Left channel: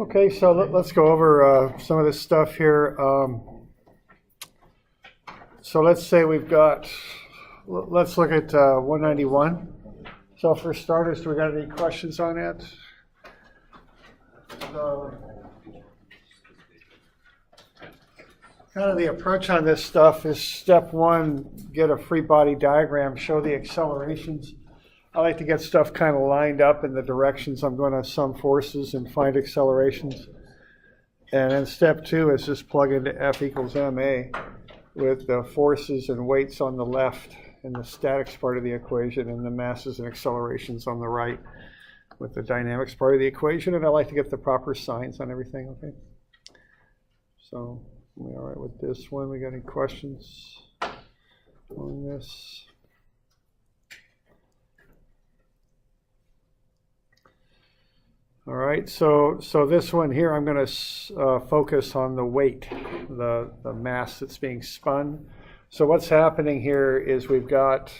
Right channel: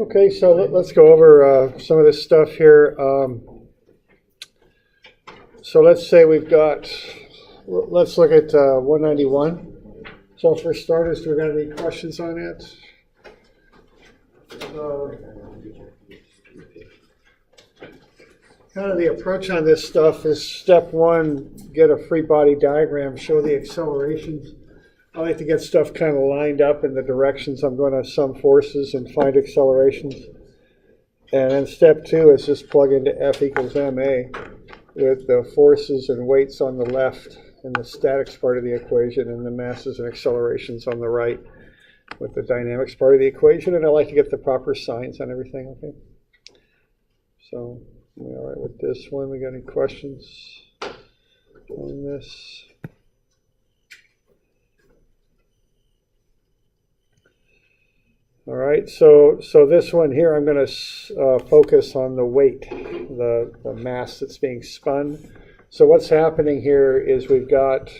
Okay, so let's go over some of this stuff here. So let's say we've got, let's look at 191. So for starters, do we got any questions on it? Kind of the approach on this stuff is step one, get a free body diagram, show the accelerations. I like to get stuff kind of lined up in the directions I'm going to sum forces and find accelerations. And then step two is just plug into F equals ma with the forces and weights on the left and the statics part of the equation and the masses and accelerations on the right with the dynamics part of the equation. And I like to get the proper signs on everything, okay? So, we all right with this one? We got any questions on this? All right, so this one here, I'm going to focus on the weight, the mass that's being spun. So what's happening here is we've got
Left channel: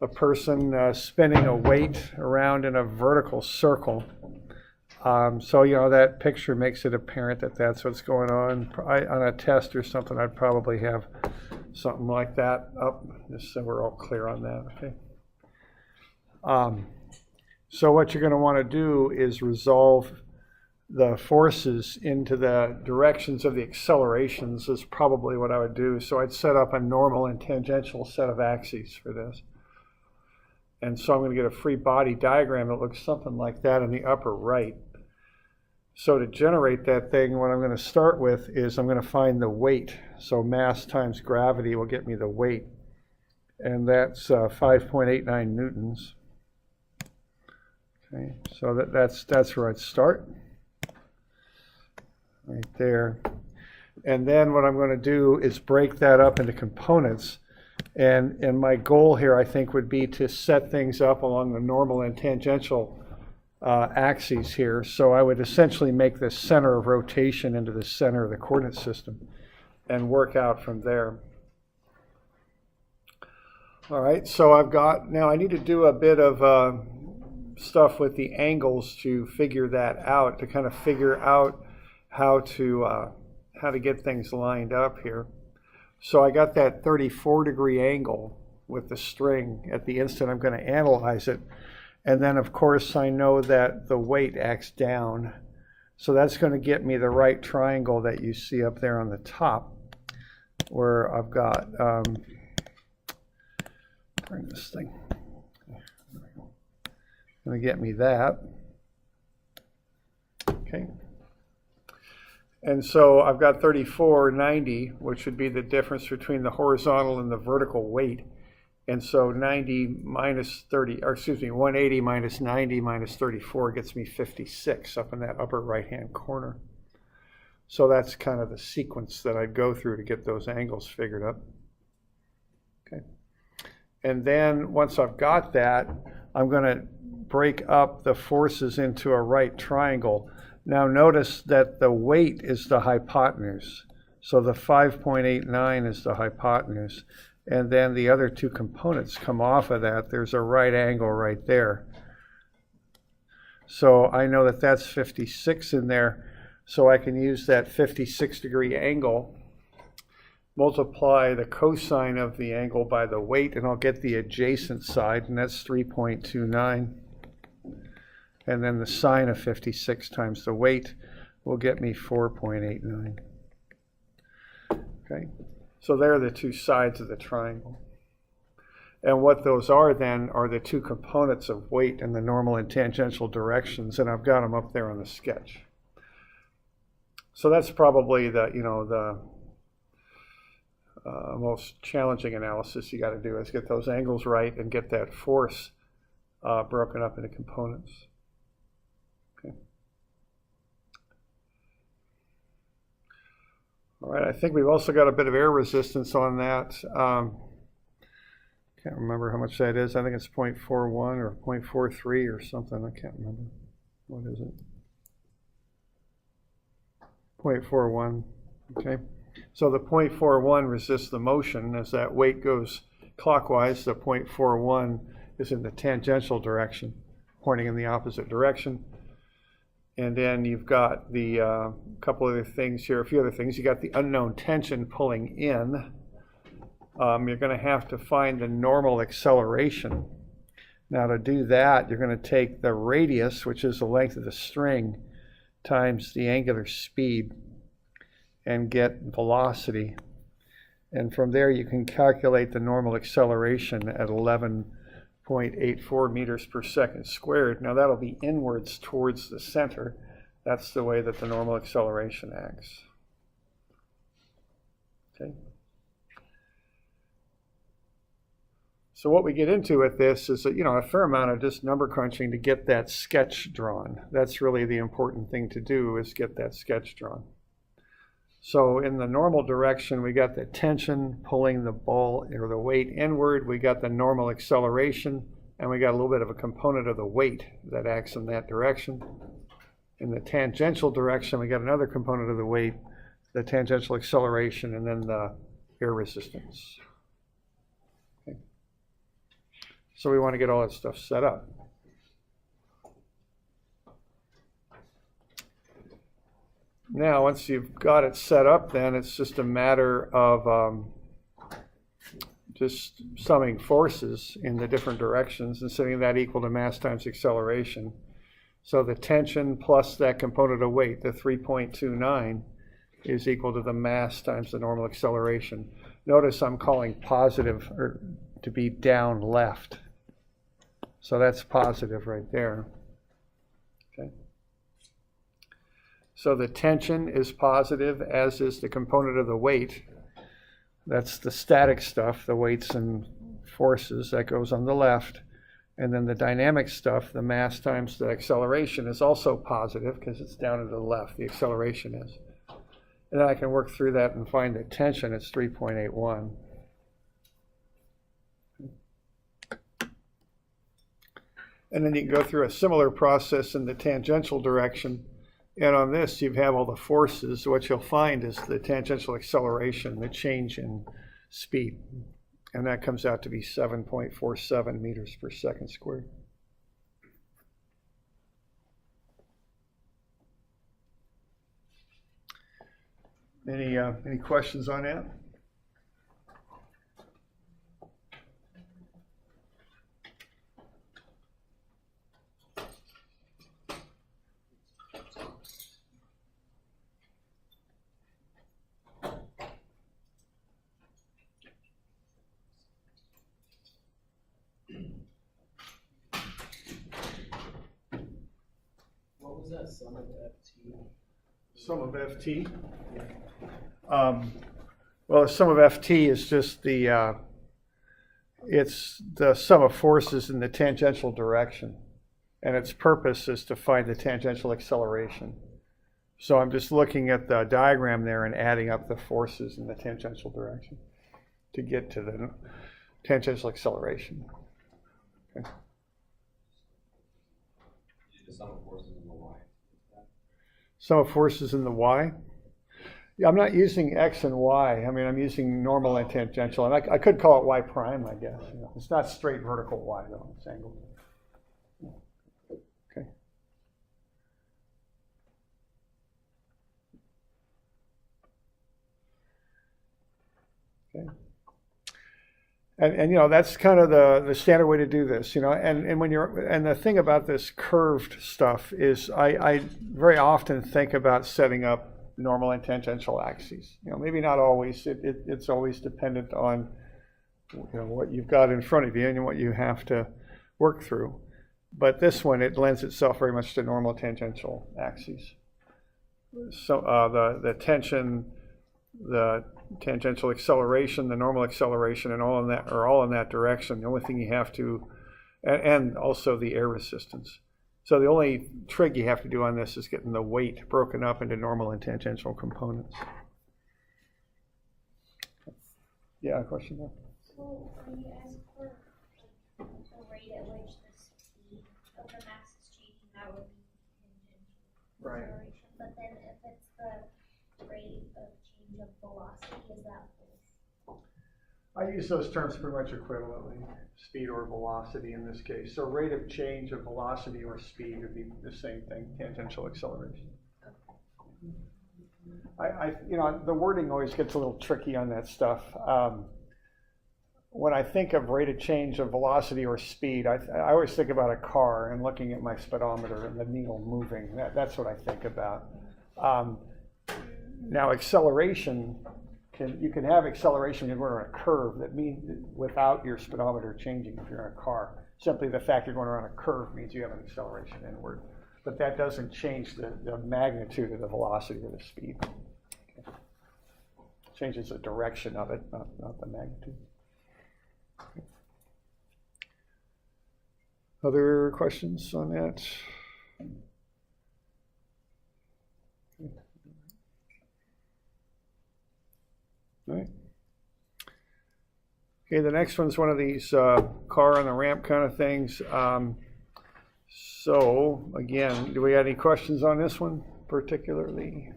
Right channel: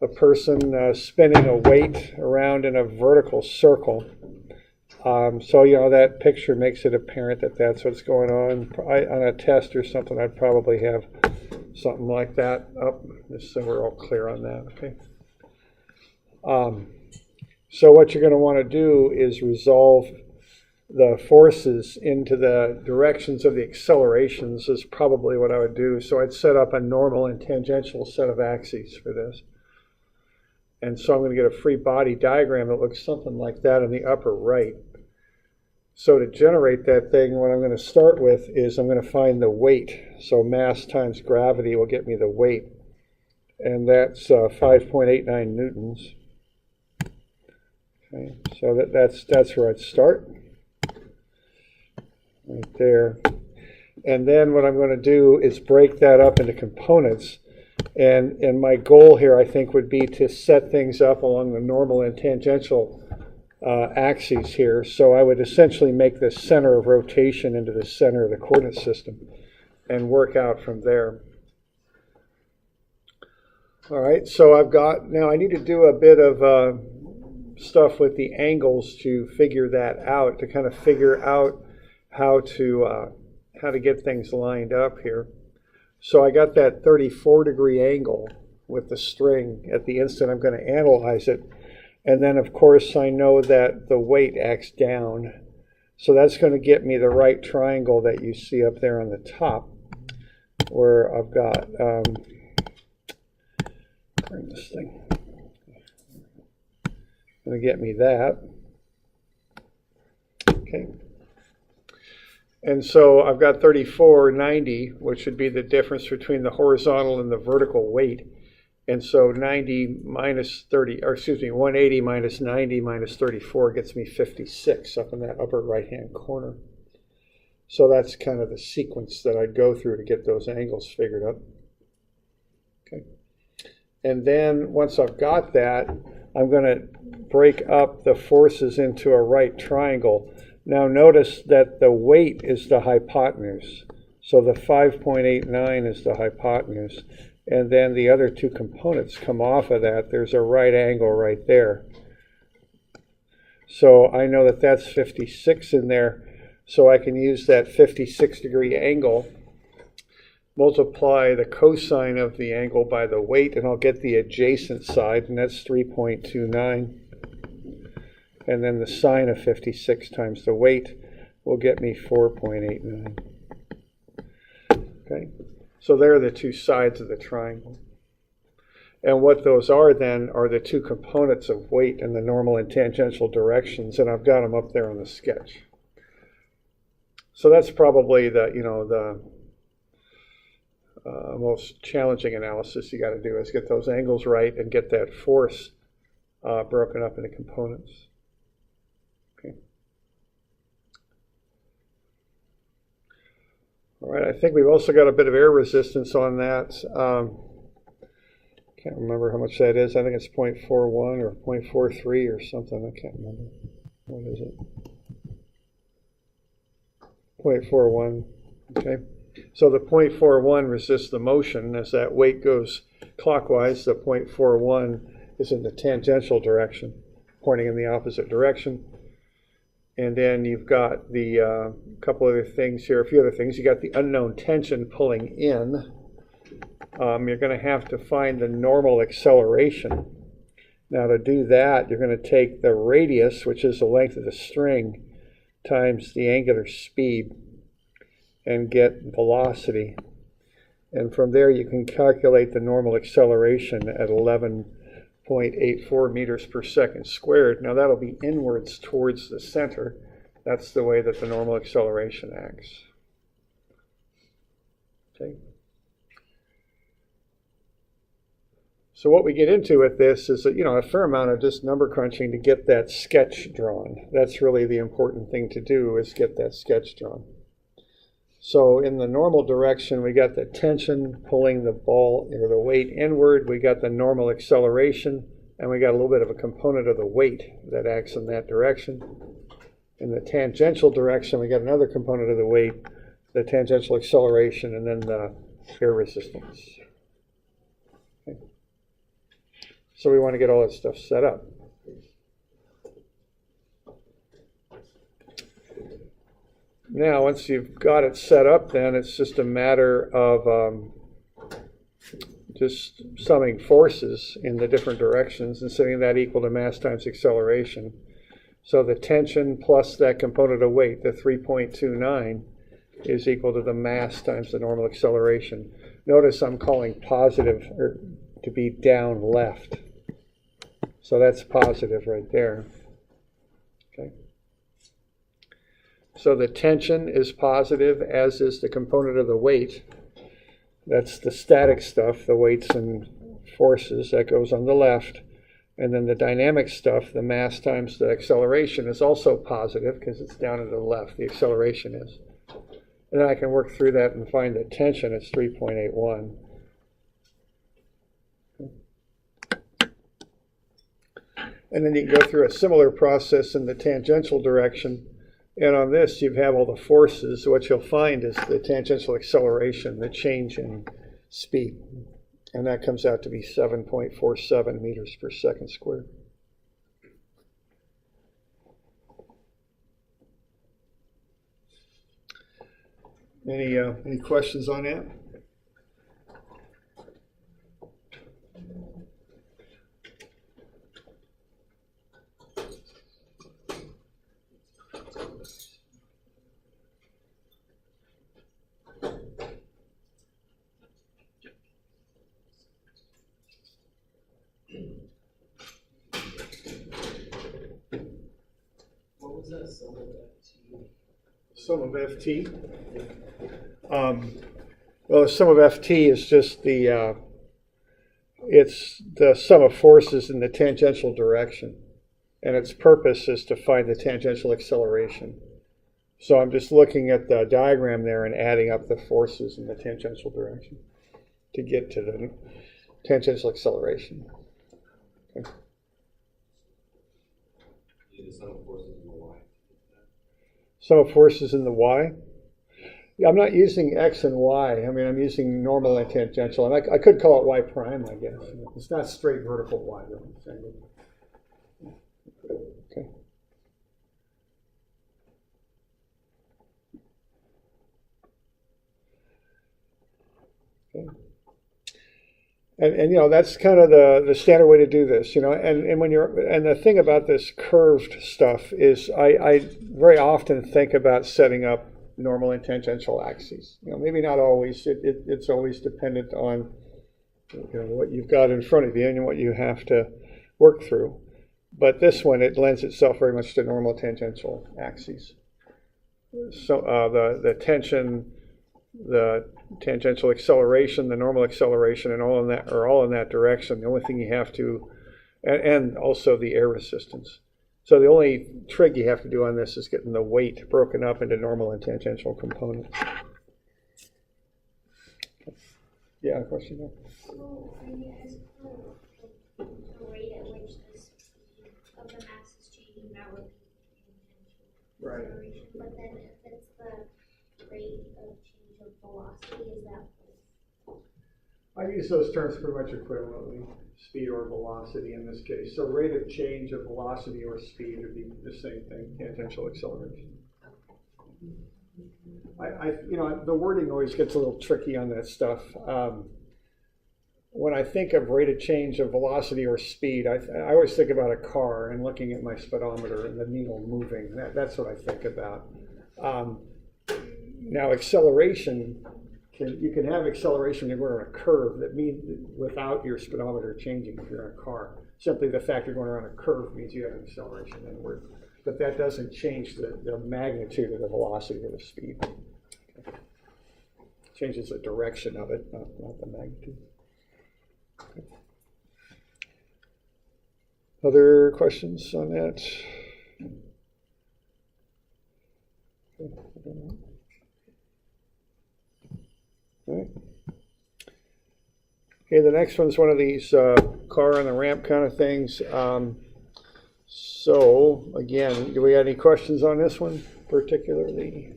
a person spinning a weight around in a vertical circle. So, you know, that picture makes it apparent that that's what's going on. On a test or something, I'd probably have something like that up, just so we're all clear on that, okay? So what you're going to want to do is resolve the forces into the directions of the accelerations is probably what I would do. So I'd set up a normal and tangential set of axes for this. And so I'm going to get a free body diagram that looks something like that in the upper right. So to generate that thing, what I'm going to start with is I'm going to find the weight. So mass times gravity will get me the weight. And that's 5.89 newtons. Okay, so that's where I'd start, right there. And then what I'm going to do is break that up into components. And my goal here, I think, would be to set things up along the normal and tangential axes here. So I would essentially make the center of rotation into the center of the coordinate system and work out from there. All right, so now I need to do a bit of stuff with the angles to figure that out, to kind of figure out how to get things lined up here. So I got that 34-degree angle with the string at the instant I'm going to analyze it. And then, of course, I know that the weight acts down. So that's going to get me the right triangle that you see up there on the top, where I've got, bring this thing. Going to get me that. Okay. And so I've got 3490, which would be the difference between the horizontal and the vertical weight. And so 90 minus 30, or excuse me, 180 minus 90 minus 34 gets me 56 up in that upper right-hand corner. So that's kind of the sequence that I'd go through to get those angles figured out. Okay. And then once I've got that, I'm going to break up the forces into a right triangle. Now notice that the weight is the hypotenuse. So the 5.89 is the hypotenuse. And then the other two components come off of that. There's a right angle right there. So I know that that's 56 in there. So I can use that 56-degree angle, multiply the cosine of the angle by the weight, and I'll get the adjacent side, and that's 3.29. And then the sine of 56 times the weight will get me 4.89. Okay, so there are the two sides of the triangle. And what those are then are the two components of weight in the normal and tangential directions, and I've got them up there on the sketch. So that's probably the most challenging analysis you got to do is get those angles right and get that force broken up into components. Okay. All right, I think we've also got a bit of air resistance on that. Can't remember how much that is. I think it's 0.41 or 0.43 or something. I can't remember. What is it? 0.41. Okay. So the 0.41 resists the motion. As that weight goes clockwise, the 0.41 is in the tangential direction, pointing in the opposite direction. And then you've got the couple other things here, a few other things. You got the unknown tension pulling in. You're going to have to find the normal acceleration. Now to do that, you're going to take the radius, which is the length of the string, times the angular speed, and get velocity. And from there you can calculate the normal acceleration at 11.84 meters per second squared. Now that'll be inwards towards the center. That's the way that the normal acceleration acts. Okay. So what we get into with this is a fair amount of just number crunching to get that sketch drawn. That's really the important thing to do, is get that sketch drawn. So in the normal direction, we got the tension pulling the ball or the weight inward. We got the normal acceleration, and we got a little bit of a component of the weight that acts in that direction. In the tangential direction, we got another component of the weight, the tangential acceleration, and then the air resistance. Okay. So we want to get all that stuff set up. Now, once you've got it set up, then it's just a matter of just summing forces in the different directions and setting that equal to mass times acceleration. So the tension plus that component of weight, the 3.29, is equal to the mass times the normal acceleration. Notice I'm calling positive or to be down left. So that's positive right there. Okay. So the tension is positive, as is the component of the weight. That's the static stuff, the weights and forces, that goes on the left. And then the dynamic stuff, the mass times the acceleration, is also positive because it's down to the left, the acceleration is. And then I can work through that and find the tension, it's 3.81. And then you can go through a similar process in the tangential direction. And on this, you have all the forces. What you'll find is the tangential acceleration, the change in speed. And that comes out to be 7.47 meters per second squared. Any questions on that? What was that sum of FT? Sum of FT? Well, the sum of FT is just it's the sum of forces in the tangential direction. And its purpose is to find the tangential acceleration. So I'm just looking at the diagram there and adding up the forces in the tangential direction to get to the tangential acceleration. Okay. The sum of forces in the y. Sum of forces in the y? Yeah, I'm not using x and y. I mean, I'm using normal and tangential. And I could call it y prime, I guess. It's not straight vertical y, though. It's angled. Okay. Okay. And that's kind of the standard way to do this, and when and the thing about this curved stuff is I very often think about setting up normal and tangential axes. Maybe not always. It's always dependent on what you've got in front of you and what you have to work through. But this one, it lends itself very much to normal tangential axes. So the tension, the tangential acceleration, the normal acceleration, and all in that direction. The only thing you have to, and also the air resistance. So the only trick you have to do on this is getting the weight broken up into normal and tangential components. Yeah, question? So when you ask for the rate at which the speed of the mass is changing, that would be tangential acceleration. But then if it's the rate of change of velocity, is that? I use those terms pretty much equivalently. speed or velocity in this case. So rate of change of velocity or speed would be the same thing, tangential acceleration. The wording always gets a little tricky on that stuff. When I think of rate of change of velocity or speed, I always think about a car and looking at my speedometer and the needle moving. That's what I think about. Now acceleration, you can have acceleration if you're on a curve that means without your speedometer changing if you're in a car. Simply the fact you're going around a curve means you have an acceleration inward. But that doesn't change the magnitude of the velocity or the speed. Okay. Changes the direction of it, not the magnitude. Okay. Other questions on that? Okay. All right. Okay, the next one's one of these car on the ramp kind of things. So, again, do we have any questions on this one particularly?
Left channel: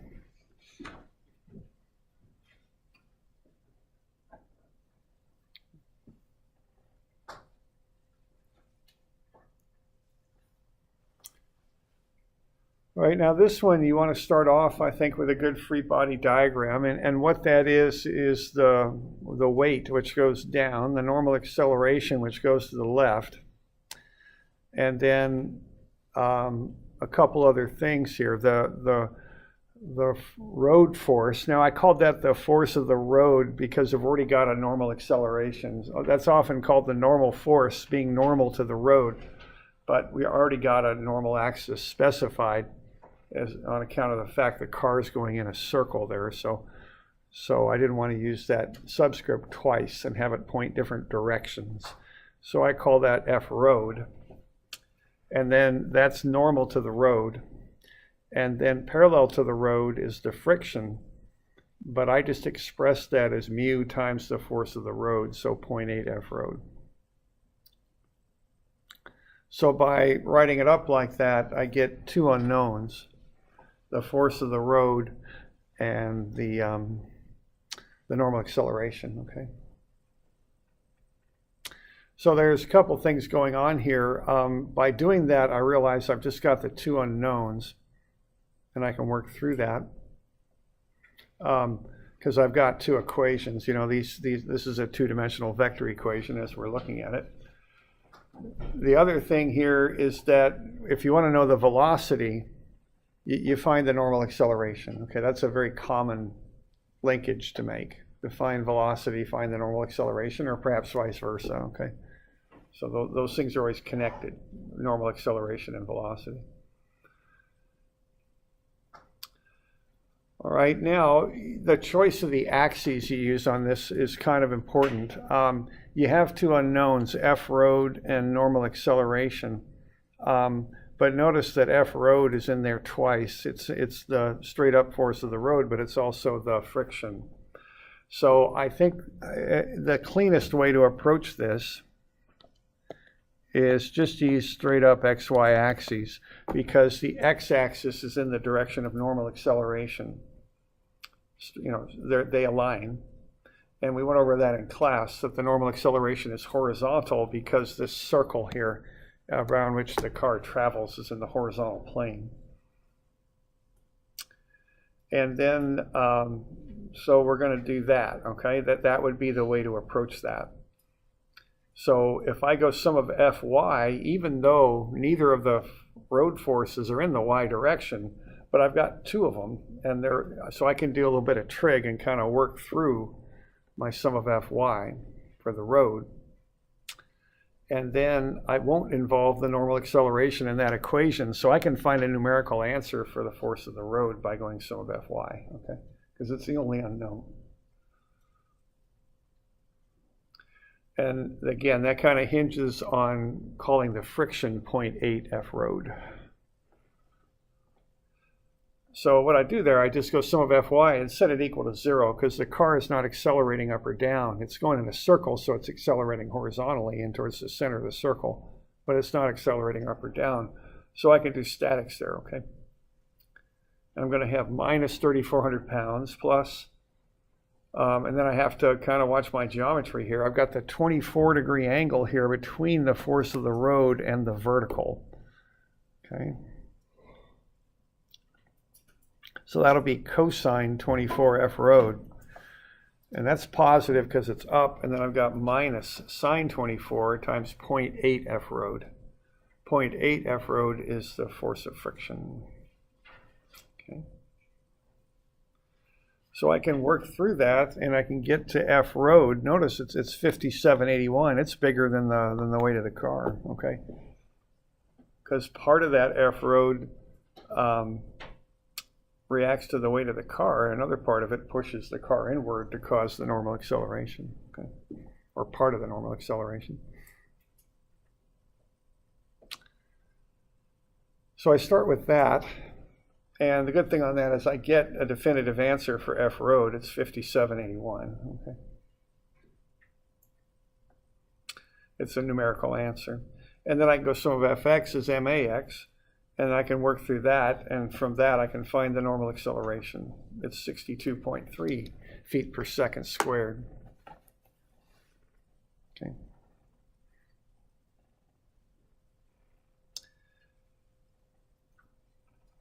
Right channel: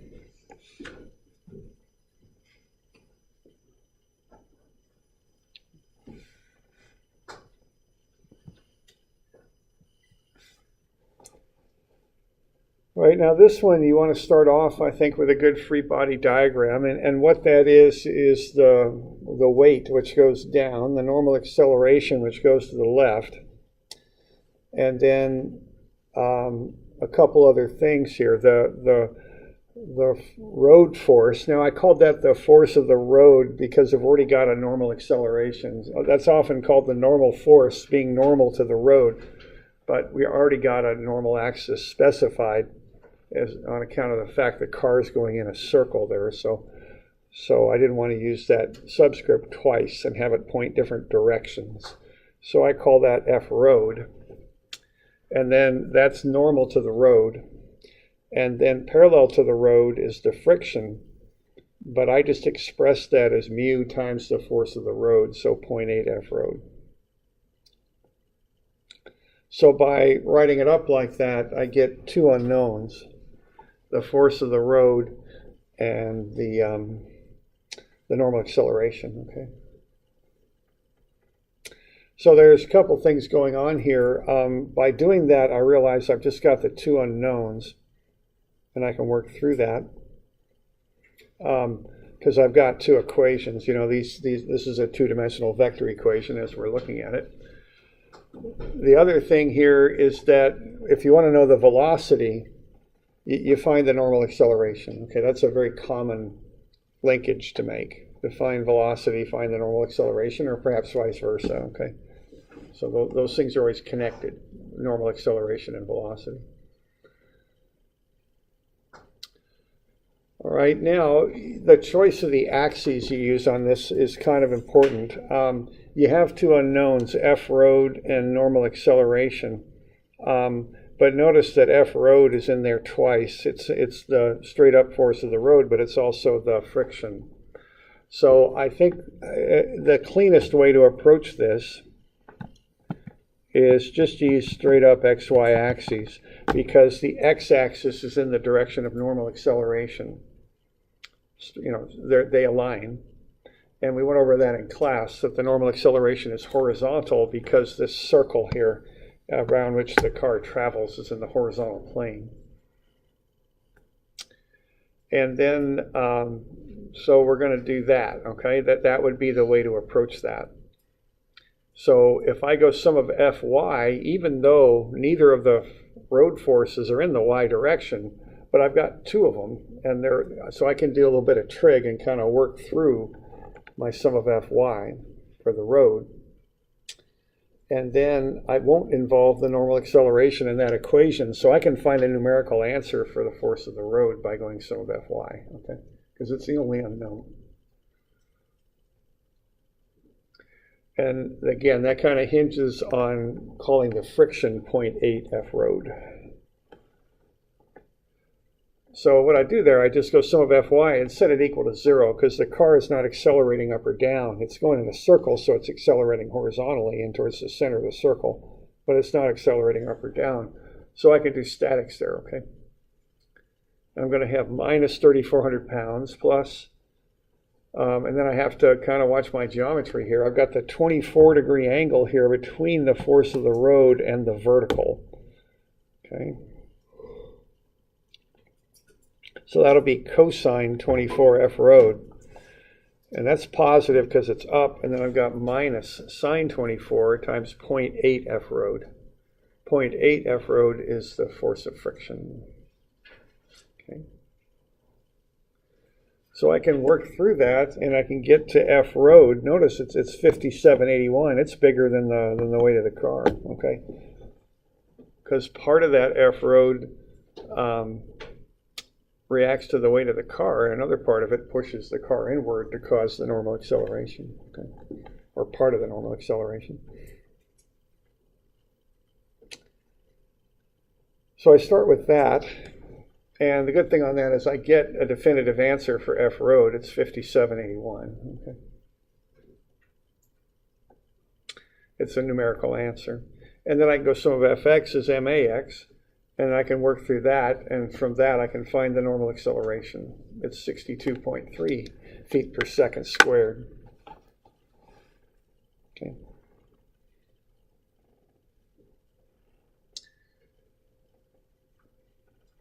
Right, now this one you want to start off, I think, with a good free body diagram. And what that is the weight, which goes down, the normal acceleration, which goes to the left. And then a couple other things here. The road force. Now I called that the force of the road because I've already got a normal acceleration. That's often called the normal force, being normal to the road. But we already got a normal axis specified on account of the fact the car is going in a circle there. So I didn't want to use that subscript twice and have it point different directions. So I call that F road. And then that's normal to the road. And then parallel to the road is the friction, but I just expressed that as mu times the force of the road, so 0.8 F road. So by writing it up like that, I get two unknowns, the force of the road and the normal acceleration, okay? So there's a couple things going on here. By doing that, I realize I've just got the two unknowns, and I can work through that because I've got two equations. You know, this is a two-dimensional vector equation as we're looking at it. The other thing here is that if you want to know the velocity, you find the normal acceleration. Okay, that's a very common linkage to make. To find velocity, find the normal acceleration, or perhaps vice versa. Okay. So those things are always connected, normal acceleration and velocity. All right, now the choice of the axes you use on this is kind of important. You have two unknowns, F road and normal acceleration. But notice that F road is in there twice. It's the straight up force of the road, but it's also the friction. So I think the cleanest way to approach this is just use straight up XY axes, because the x-axis is in the direction of normal acceleration. You know, they align. And we went over that in class, that the normal acceleration is horizontal because this circle here around which the car travels is in the horizontal plane. And then, so we're going to do that, okay? That would be the way to approach that. So if I go sum of Fy, even though neither of the road forces are in the y direction, but I've got two of them, and so I can do a little bit of trig and kind of work through my sum of Fy for the road. And then I won't involve the normal acceleration in that equation, so I can find a numerical answer for the force of the road by going sum of Fy, okay? Because it's the only unknown. And again, that kind of hinges on calling the friction 0.8 F road. So what I do there, I just go sum of Fy and set it equal to 0, because the car is not accelerating up or down. It's going in a circle, so it's accelerating horizontally in towards the center of the circle, but it's not accelerating up or down. So I can do statics there, okay? And I'm going to have minus 3,400 pounds plus And then I have to kind of watch my geometry here. I've got the 24-degree angle here between the force of the road and the vertical. Okay. So that'll be cosine 24 F road. And that's positive because it's up, and then I've got minus sine 24 times 0.8 F road. 0.8 F road is the force of friction. Okay. So I can work through that, and I can get to F road. Notice it's 5781. It's bigger than the weight of the car. Okay. Because part of that F road reacts to the weight of the car, and another part of it pushes the car inward to cause the normal acceleration, okay? Or part of the normal acceleration. So I start with that, and the good thing on that is I get a definitive answer for F road. It's 5781, okay? It's a numerical answer. And then I can go sum of Fx is max, and I can work through that, and from that I can find the normal acceleration. It's 62.3 feet per second squared. Okay.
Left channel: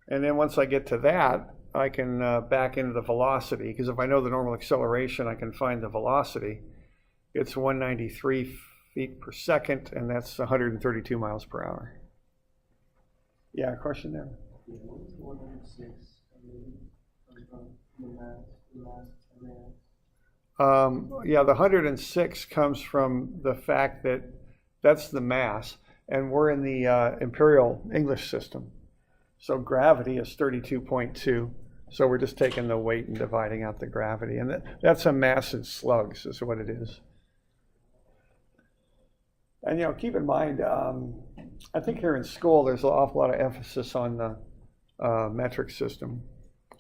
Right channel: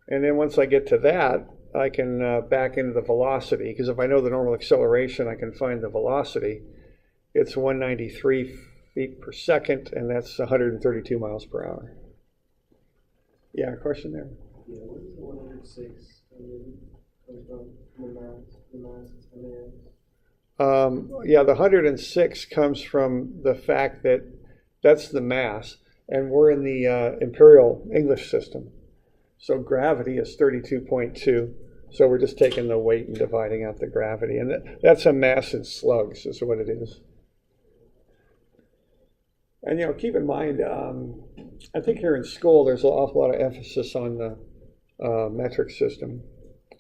And then once I get to that, I can back into the velocity, because if I know the normal acceleration, I can find the velocity. It's 193 feet per second, and that's 132 miles per hour. Yeah, question there. Yeah, what is the 106 come from? The mass, Yeah, the 106 comes from the fact that that's the mass, and we're in the imperial English system. So gravity is 32.2. So we're just taking the weight and dividing out the gravity, and that's a mass in slugs is what it is. And keep in mind, I think here in school there's an awful lot of emphasis on the metric system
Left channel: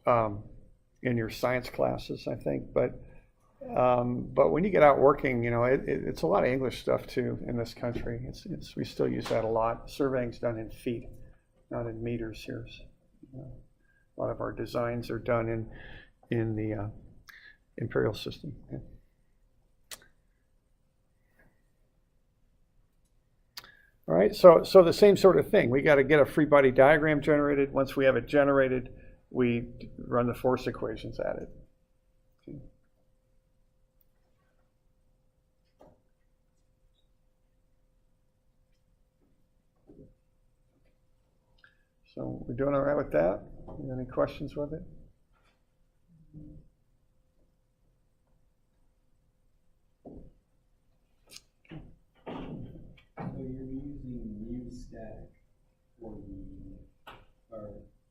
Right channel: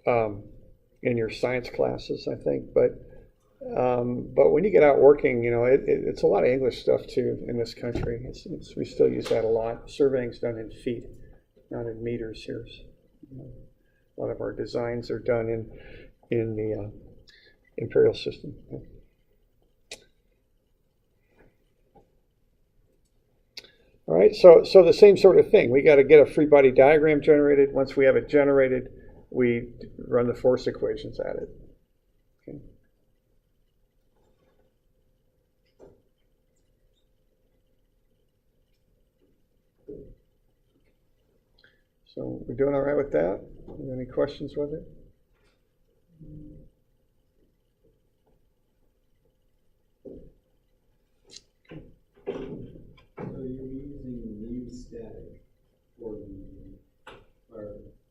in your science classes, I think. But when you get out working, it's a lot of English stuff too in this country. We still use that a lot. Surveying's done in feet, not in meters here. A lot of our designs are done in the imperial system. Yeah. All right, so the same sort of thing. We got to get a free body diagram generated. Once we have it generated, we run the force equations at it. Okay. So we're doing all right with that? Any questions with it? So you're using mu static for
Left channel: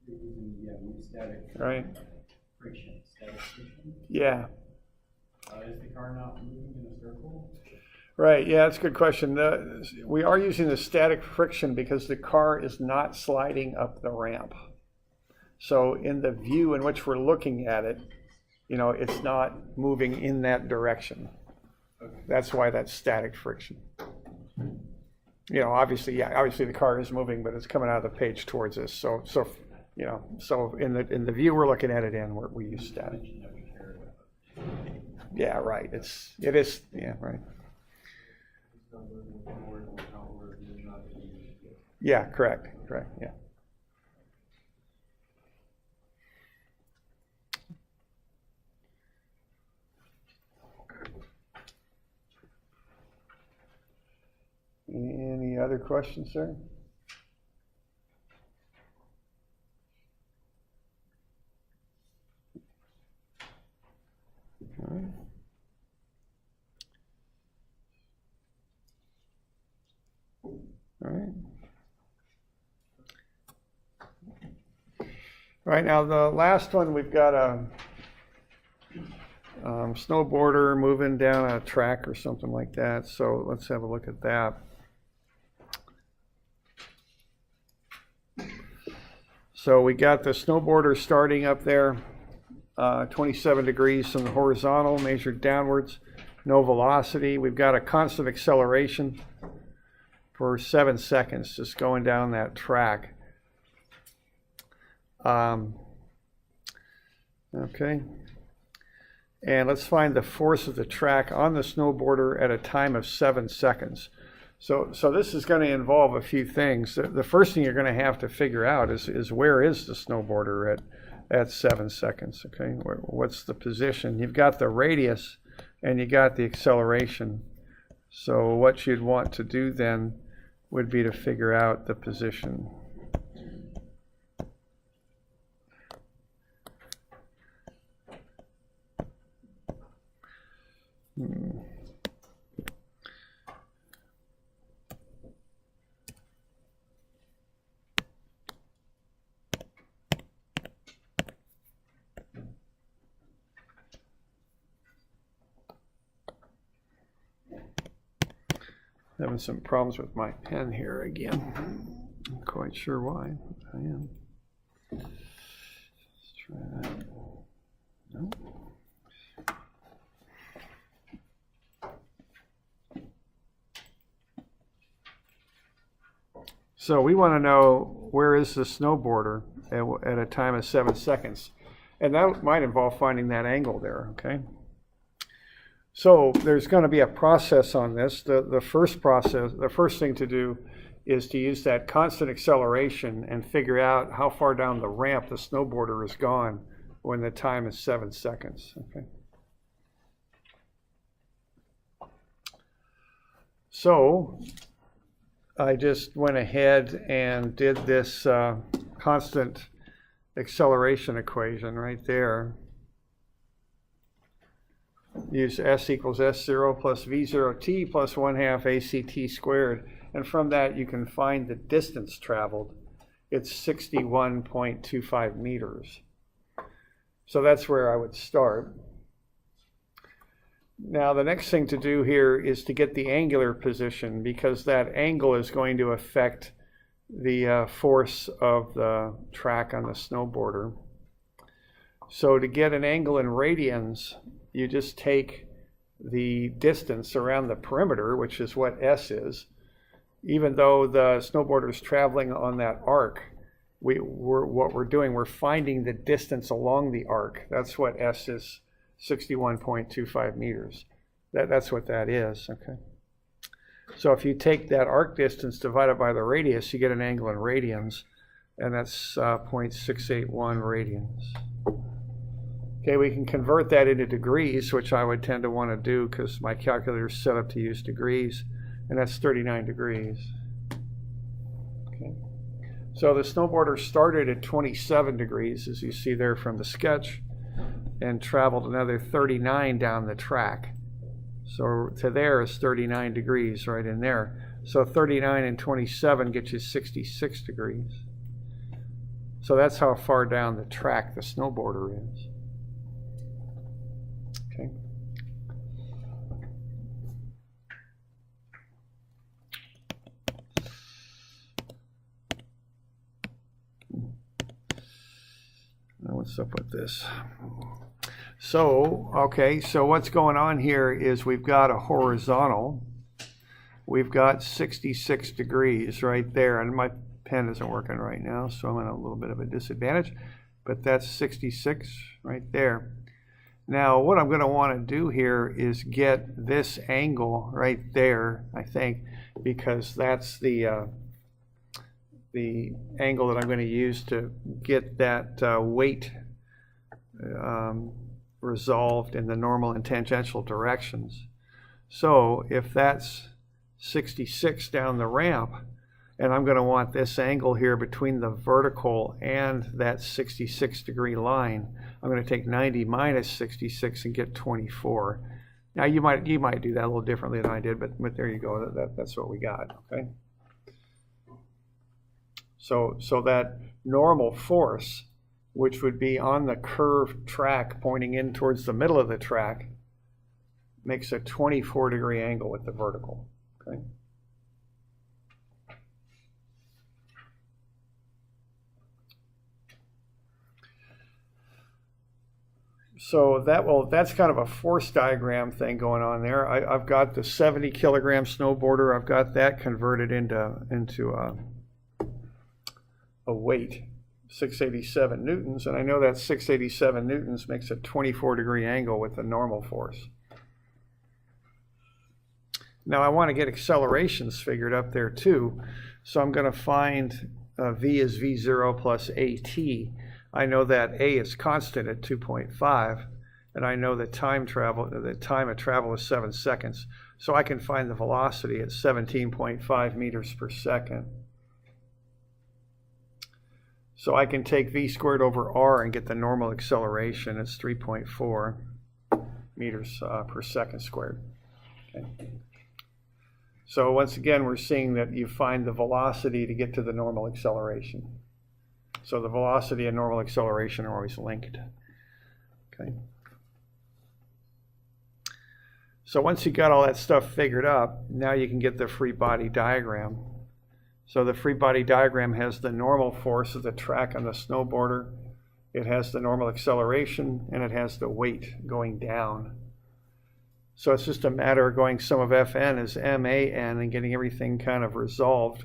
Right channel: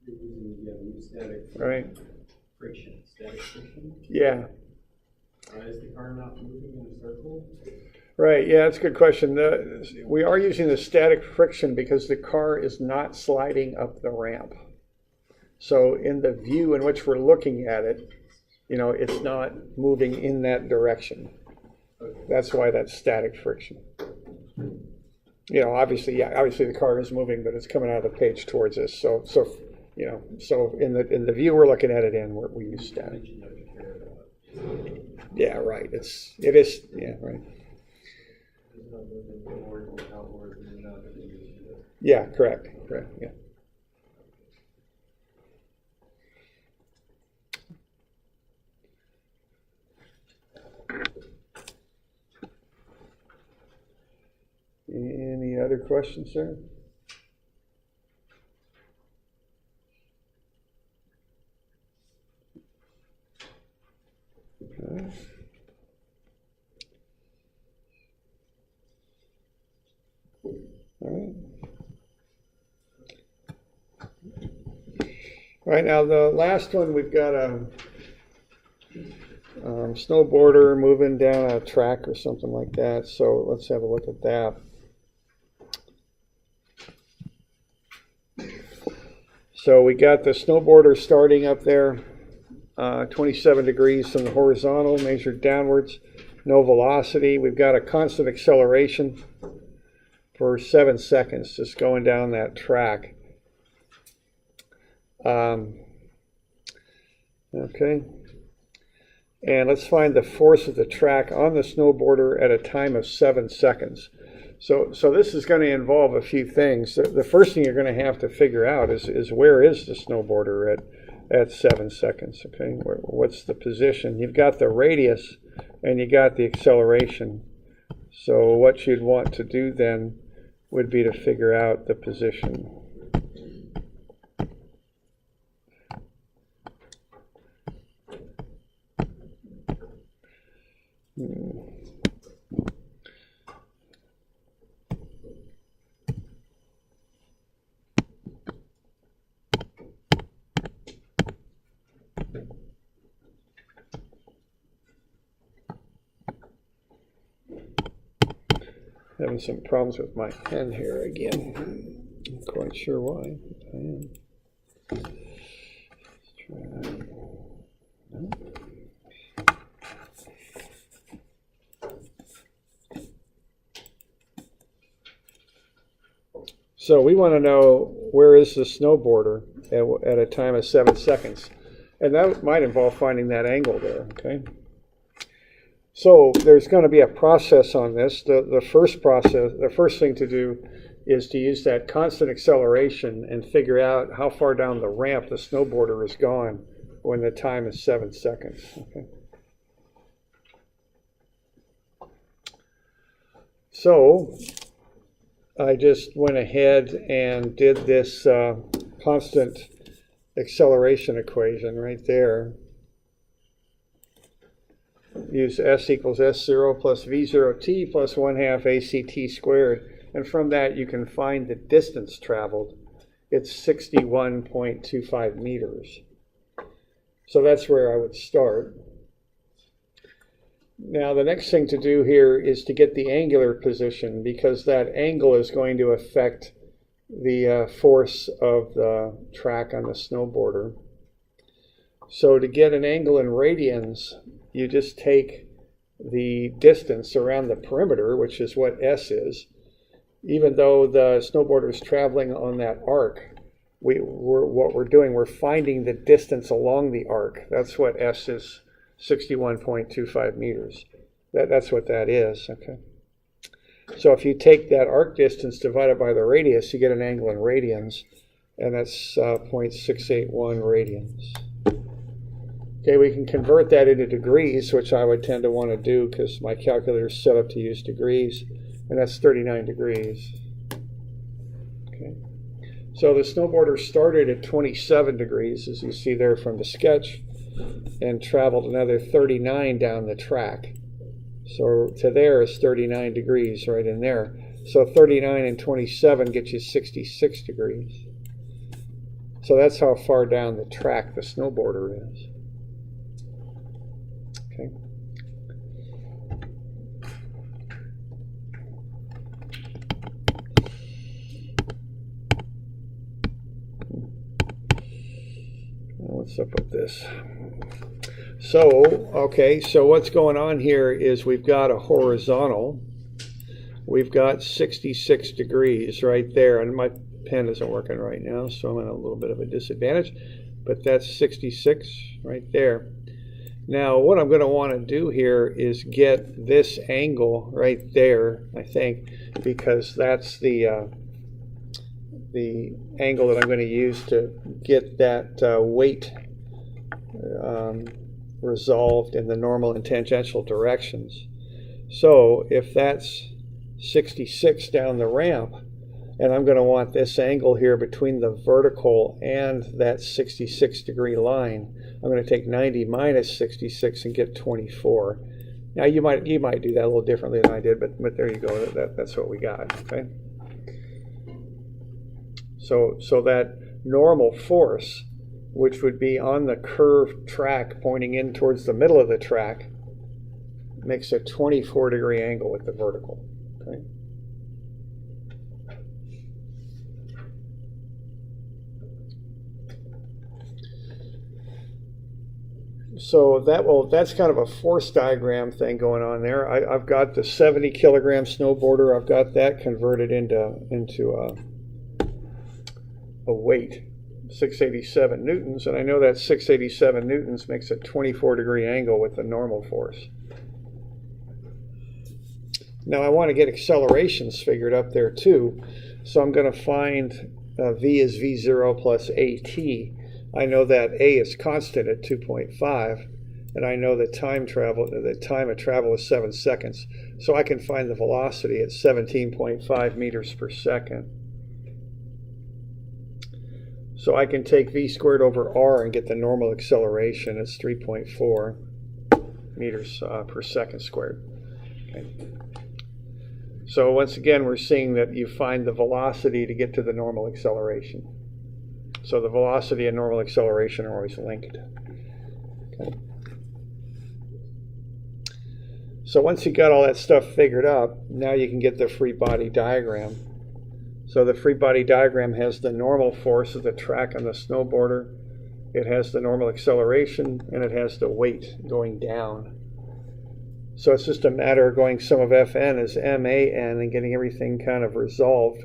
you're using mu static Right. friction, static friction. Yeah. Is the car not moving in a circle? Right, yeah, that's a good question. We are using the static friction because the car is not sliding up the ramp. So in the view in which we're looking at it, it's not moving in that direction. Okay. That's why that's static friction. Obviously the car is moving, but it's coming out of the page towards us. So in the view we're looking at it in, we use static. Yeah, right. It is. Yeah, right. Yeah, correct. Yeah. Any other questions, sir? Okay. All right. Right now, the last one, we've got a snowboarder moving down a track or something like that. So let's have a look at that. So we got the snowboarder starting up there, 27 degrees from the horizontal, measured downwards, no velocity. We've got a constant acceleration for 7 seconds, just going down that track. Okay. And let's find the force of the track on the snowboarder at a time of 7 seconds. So this is going to involve a few things. The first thing you're going to have to figure out is where is the snowboarder at 7 seconds, okay? What's the position? You've got the radius and you got the acceleration. So what you'd want to do then would be to figure out the position. Having some problems with my pen here again. I'm not quite sure why, but I am. Let's try that. No. So we want to know where is the snowboarder at a time of 7 seconds. And that might involve finding that angle there, okay? So there's going to be a process on this. The first thing to do is to use that constant acceleration and figure out how far down the ramp the snowboarder is gone when the time is 7 seconds. Okay. So I just went ahead and did this constant acceleration equation right there. Use S equals S0 plus V0t plus 1/2 ACT squared. And from that you can find the distance traveled. It's 61.25 meters. So that's where I would start. Now the next thing to do here is to get the angular position, because that angle is going to affect the force of the track on the snowboarder. So to get an angle in radians, you just take the distance around the perimeter, which is what S is. Even though the snowboarder is traveling on that arc, what we're doing, we're finding the distance along the arc. That's what S is, 61.25 meters. That's what that is, okay? So if you take that arc distance divided by the radius, you get an angle in radians, and that's 0.681 radians. Okay, we can convert that into degrees, which I would tend to want to do because my calculator is set up to use degrees, and that's 39 degrees. Okay. So the snowboarder started at 27 degrees, as you see there from the sketch, and traveled another 39 down the track. So to there is 39 degrees right in there. So 39 and 27 gets you 66 degrees. So that's how far down the track the snowboarder is. Okay. What's up with this? So, okay, so what's going on here is we've got a horizontal. We've got 66 degrees right there, and my pen isn't working right now, so I'm in a little bit of a disadvantage, but that's 66 right there. Now, what I'm going to want to do here is get this angle right there, I think, because that's the angle that I'm going to use to get that weight resolved in the normal and tangential directions. So if that's 66 down the ramp, and I'm going to want this angle here between the vertical and that 66 degree line, I'm going to take 90 minus 66 and get 24. Now you might do that a little differently than I did, but there you go. That's what we got. Okay. So that normal force, which would be on the curved track pointing in towards the middle of the track, makes a 24 degree angle with the vertical. Okay. So that's kind of a force diagram thing going on there. I've got the 70 kilogram snowboarder. I've got that converted into a weight. 687 newtons, and I know that 687 newtons makes a 24-degree angle with the normal force. Now I want to get accelerations figured up there too, so I'm going to find V is V0 plus AT. I know that A is constant at 2.5, and I know that time of travel is 7 seconds. So I can find the velocity at 17.5 meters per second. So I can take V squared over R and get the normal acceleration. It's 3.4 meters per second squared. Okay. So once again, we're seeing that you find the velocity to get to the normal acceleration. So the velocity and normal acceleration are always linked. Okay. So once you got all that stuff figured up, now you can get the free body diagram. So the free body diagram has the normal force of the track on the snowboarder, it has the normal acceleration, and it has the weight going down. So it's just a matter of going sum of Fn is MAN and getting everything kind of resolved.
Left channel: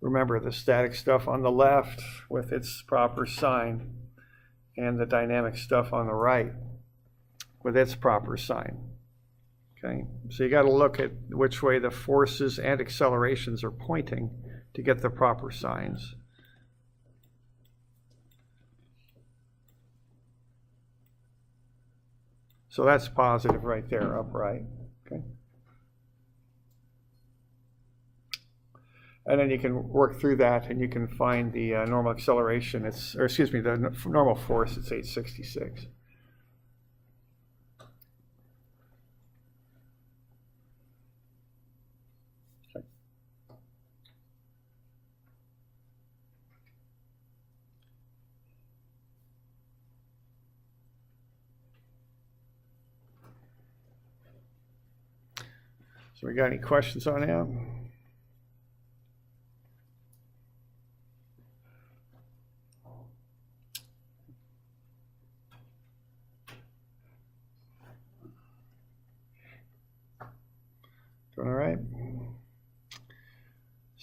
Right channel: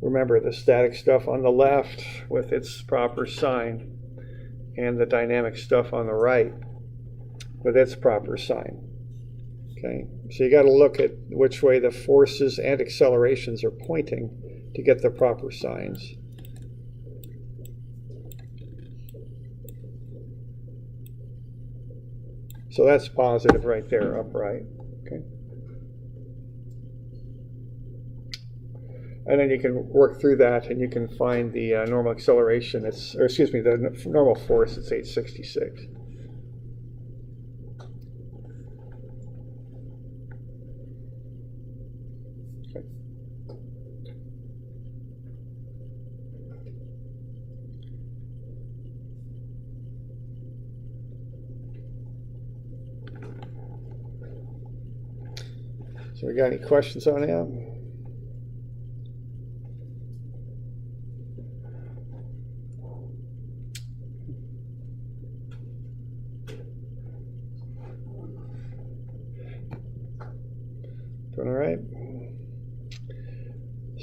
Remember the static stuff on the left with its proper sign, and the dynamic stuff on the right with its proper sign. Okay, so you got to look at which way the forces and accelerations are pointing to get the proper signs. So that's positive right there, upright. Okay. And then you can work through that, and you can find the normal acceleration. The normal force. It's 866. Okay. So we got any questions on that? Doing all right?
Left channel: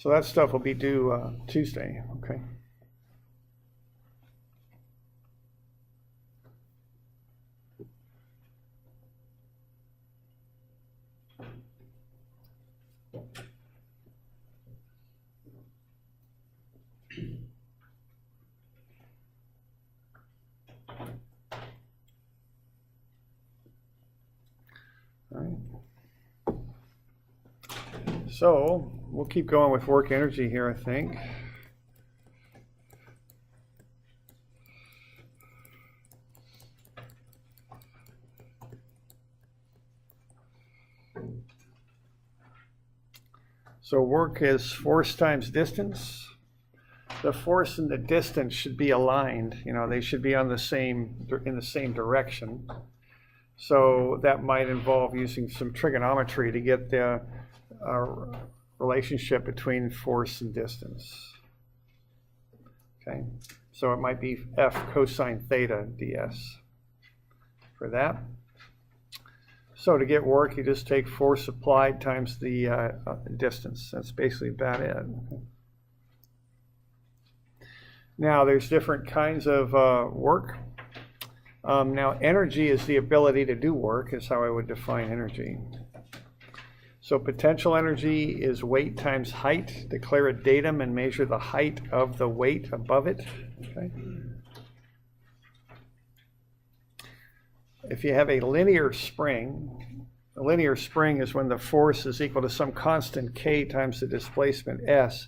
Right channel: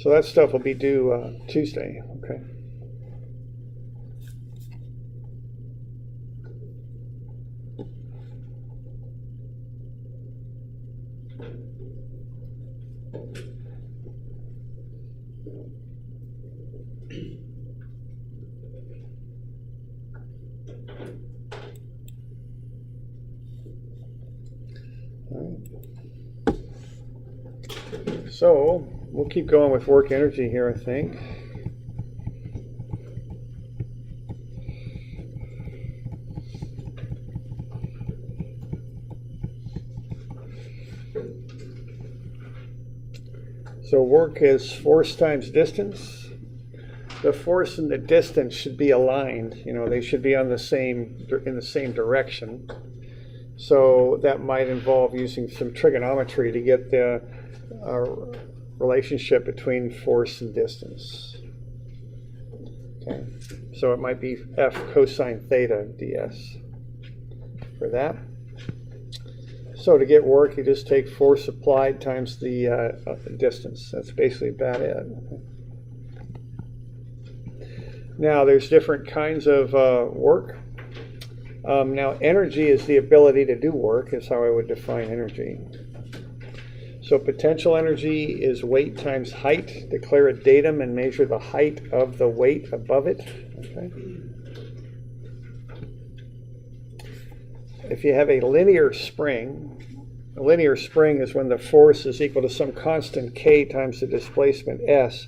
So that stuff will be due Tuesday, okay? So we'll keep going with work energy here, I think. So work is force times distance. The force and the distance should be aligned. You know, they should be on the same in the same direction. So that might involve using some trigonometry to get the relationship between force and distance. Okay, so it might be F cosine theta ds for that. So to get work, you just take force applied times the distance. That's basically about it. Now there's different kinds of work. Now energy is the ability to do work, is how I would define energy. So potential energy is weight times height. Declare a datum and measure the height of the weight above it. Okay. If you have a linear spring is when the force is equal to some constant k times the displacement s.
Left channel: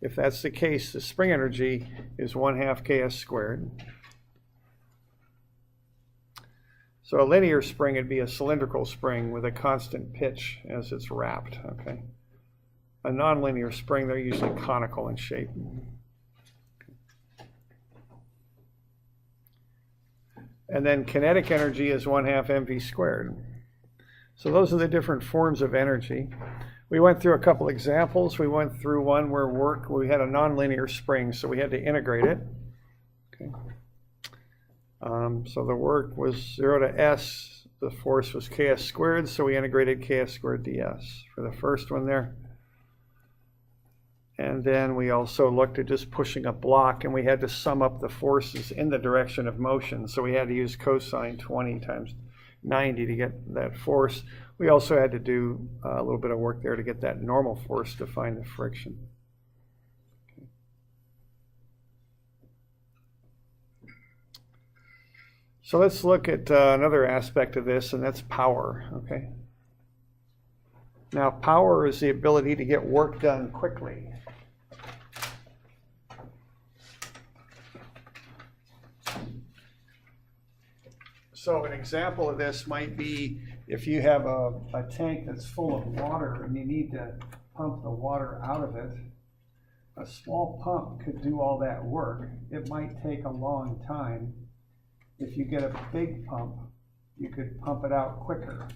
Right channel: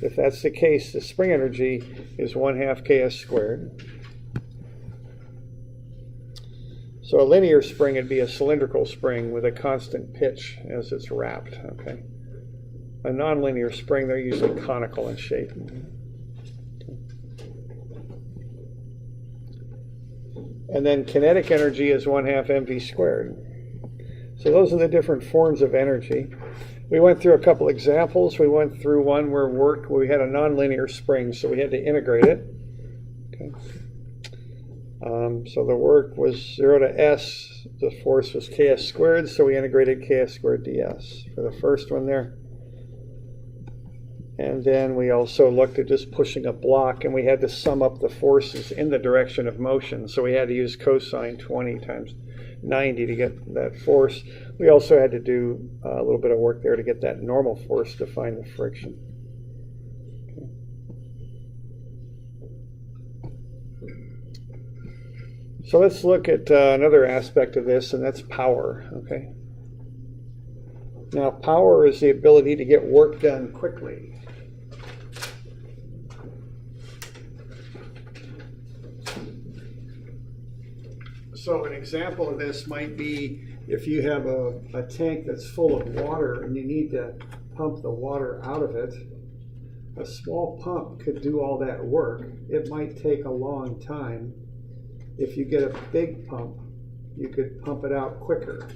If that's the case, the spring energy is 1/2 ks squared. So a linear spring would be a cylindrical spring with a constant pitch as it's wrapped. Okay. A nonlinear spring, they're usually conical in shape. And then kinetic energy is 1/2 mv squared. So those are the different forms of energy. We went through a couple examples. We went through one where we had a nonlinear spring, so we had to integrate it. Okay. So the work was 0 to s. The force was ks squared, so we integrated ks squared ds for the first one there. And then we also looked at just pushing a block, and we had to sum up the forces in the direction of motion. So we had to use cosine 20 times 90 to get that force. We also had to do a little bit of work there to get that normal force to find the friction. So let's look at another aspect of this, and that's power. Okay. Now, power is the ability to get work done quickly. So an example of this might be if you have a tank that's full of water and you need to pump the water out of it. A small pump could do all that work. It might take a long time. If you get a big pump, you could pump it out quicker,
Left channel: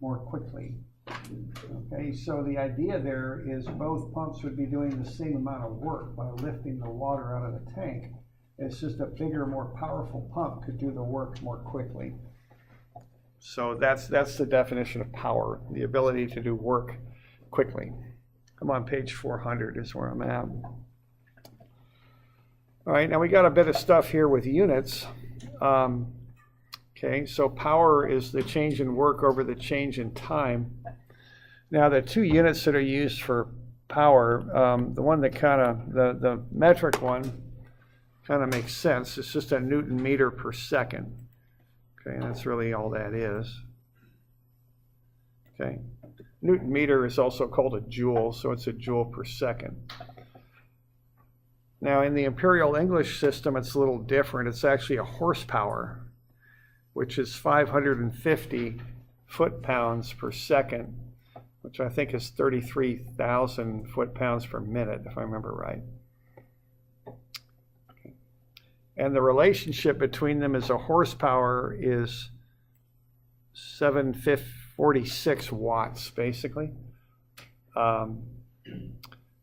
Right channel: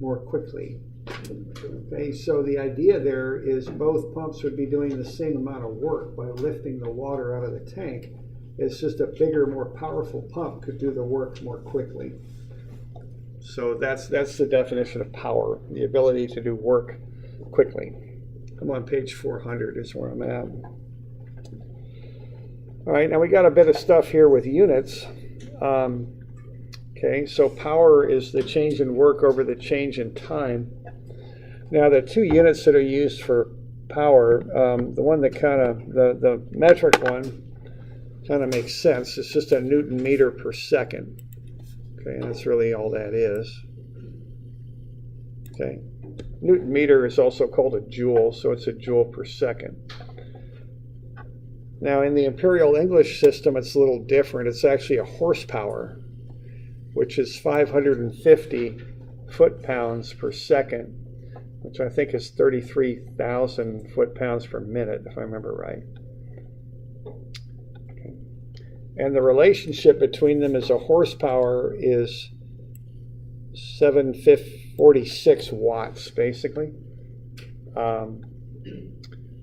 more quickly. Okay, so the idea there is both pumps would be doing the same amount of work by lifting the water out of the tank. It's just a bigger, more powerful pump could do the work more quickly. So that's the definition of power, the ability to do work quickly. I'm on page 400 is where I'm at. All right, now we got a bit of stuff here with units. Okay, so power is the change in work over the change in time. Now the two units that are used for power, the one that the metric one kind of makes sense. It's just a Newton meter per second. Okay, and that's really all that is. Okay, Newton meter is also called a joule, so it's a joule per second. Now in the Imperial English system, it's a little different. It's actually a horsepower, which is 550 foot-pounds per second, which I think is 33,000 foot-pounds per minute, if I remember right. Okay. And the relationship between them is a horsepower is 746 watts, basically.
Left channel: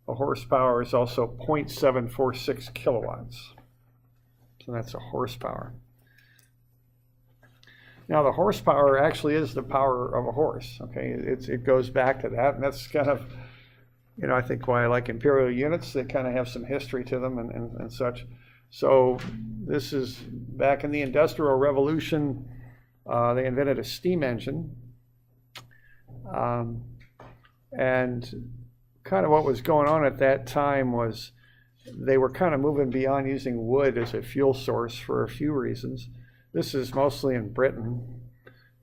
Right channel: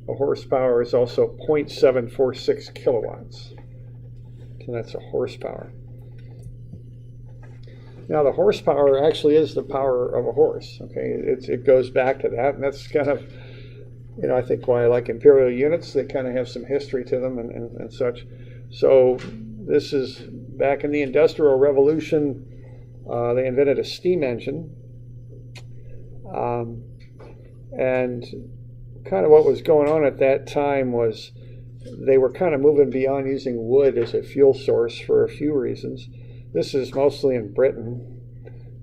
A horsepower is also 0.746 kilowatts. So that's a horsepower. Now the horsepower actually is the power of a horse. Okay, it goes back to that, and that's kind of, I think why I like imperial units. They kind of have some history to them and such. So this is back in the Industrial Revolution. They invented a steam engine, and kind of what was going on at that time was they were kind of moving beyond using wood as a fuel source for a few reasons. This is mostly in Britain,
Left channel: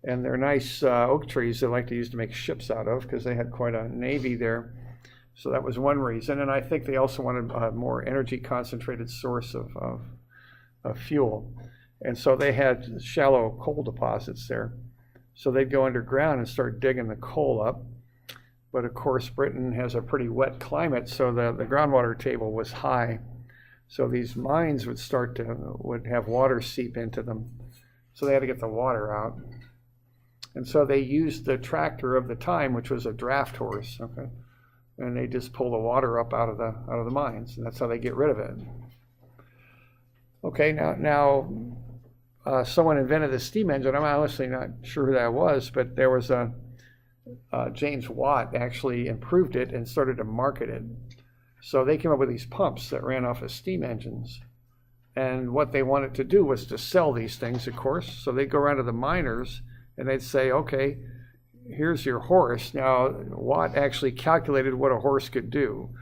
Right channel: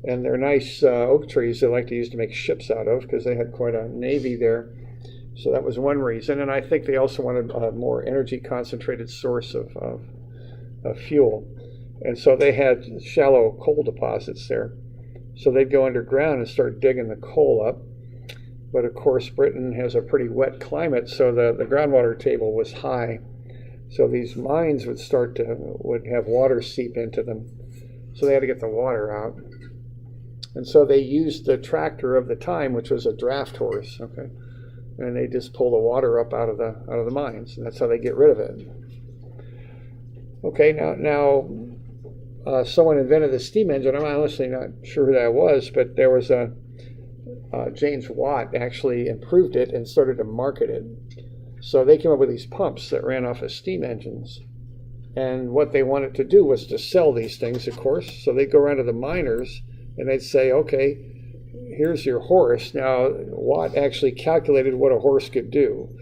and they're nice oak trees they like to use to make ships out of because they had quite a navy there. So that was one reason, and I think they also wanted a more energy concentrated source of fuel. And so they had shallow coal deposits there. So they'd go underground and start digging the coal up. But of course, Britain has a pretty wet climate, so the groundwater table was high. So these mines would have water seep into them. So they had to get the water out. And so they used the tractor of the time, which was a draft horse, okay? And they just pull the water up out of the mines, and that's how they get rid of it. Okay, now someone invented the steam engine. I'm honestly not sure who that was, but there was James Watt actually improved it and started to market it. So they came up with these pumps that ran off of steam engines. And what they wanted to do was to sell these things, of course. So they'd go around to the miners and they'd say, okay, here's your horse. Now, Watt actually calculated what a horse could do.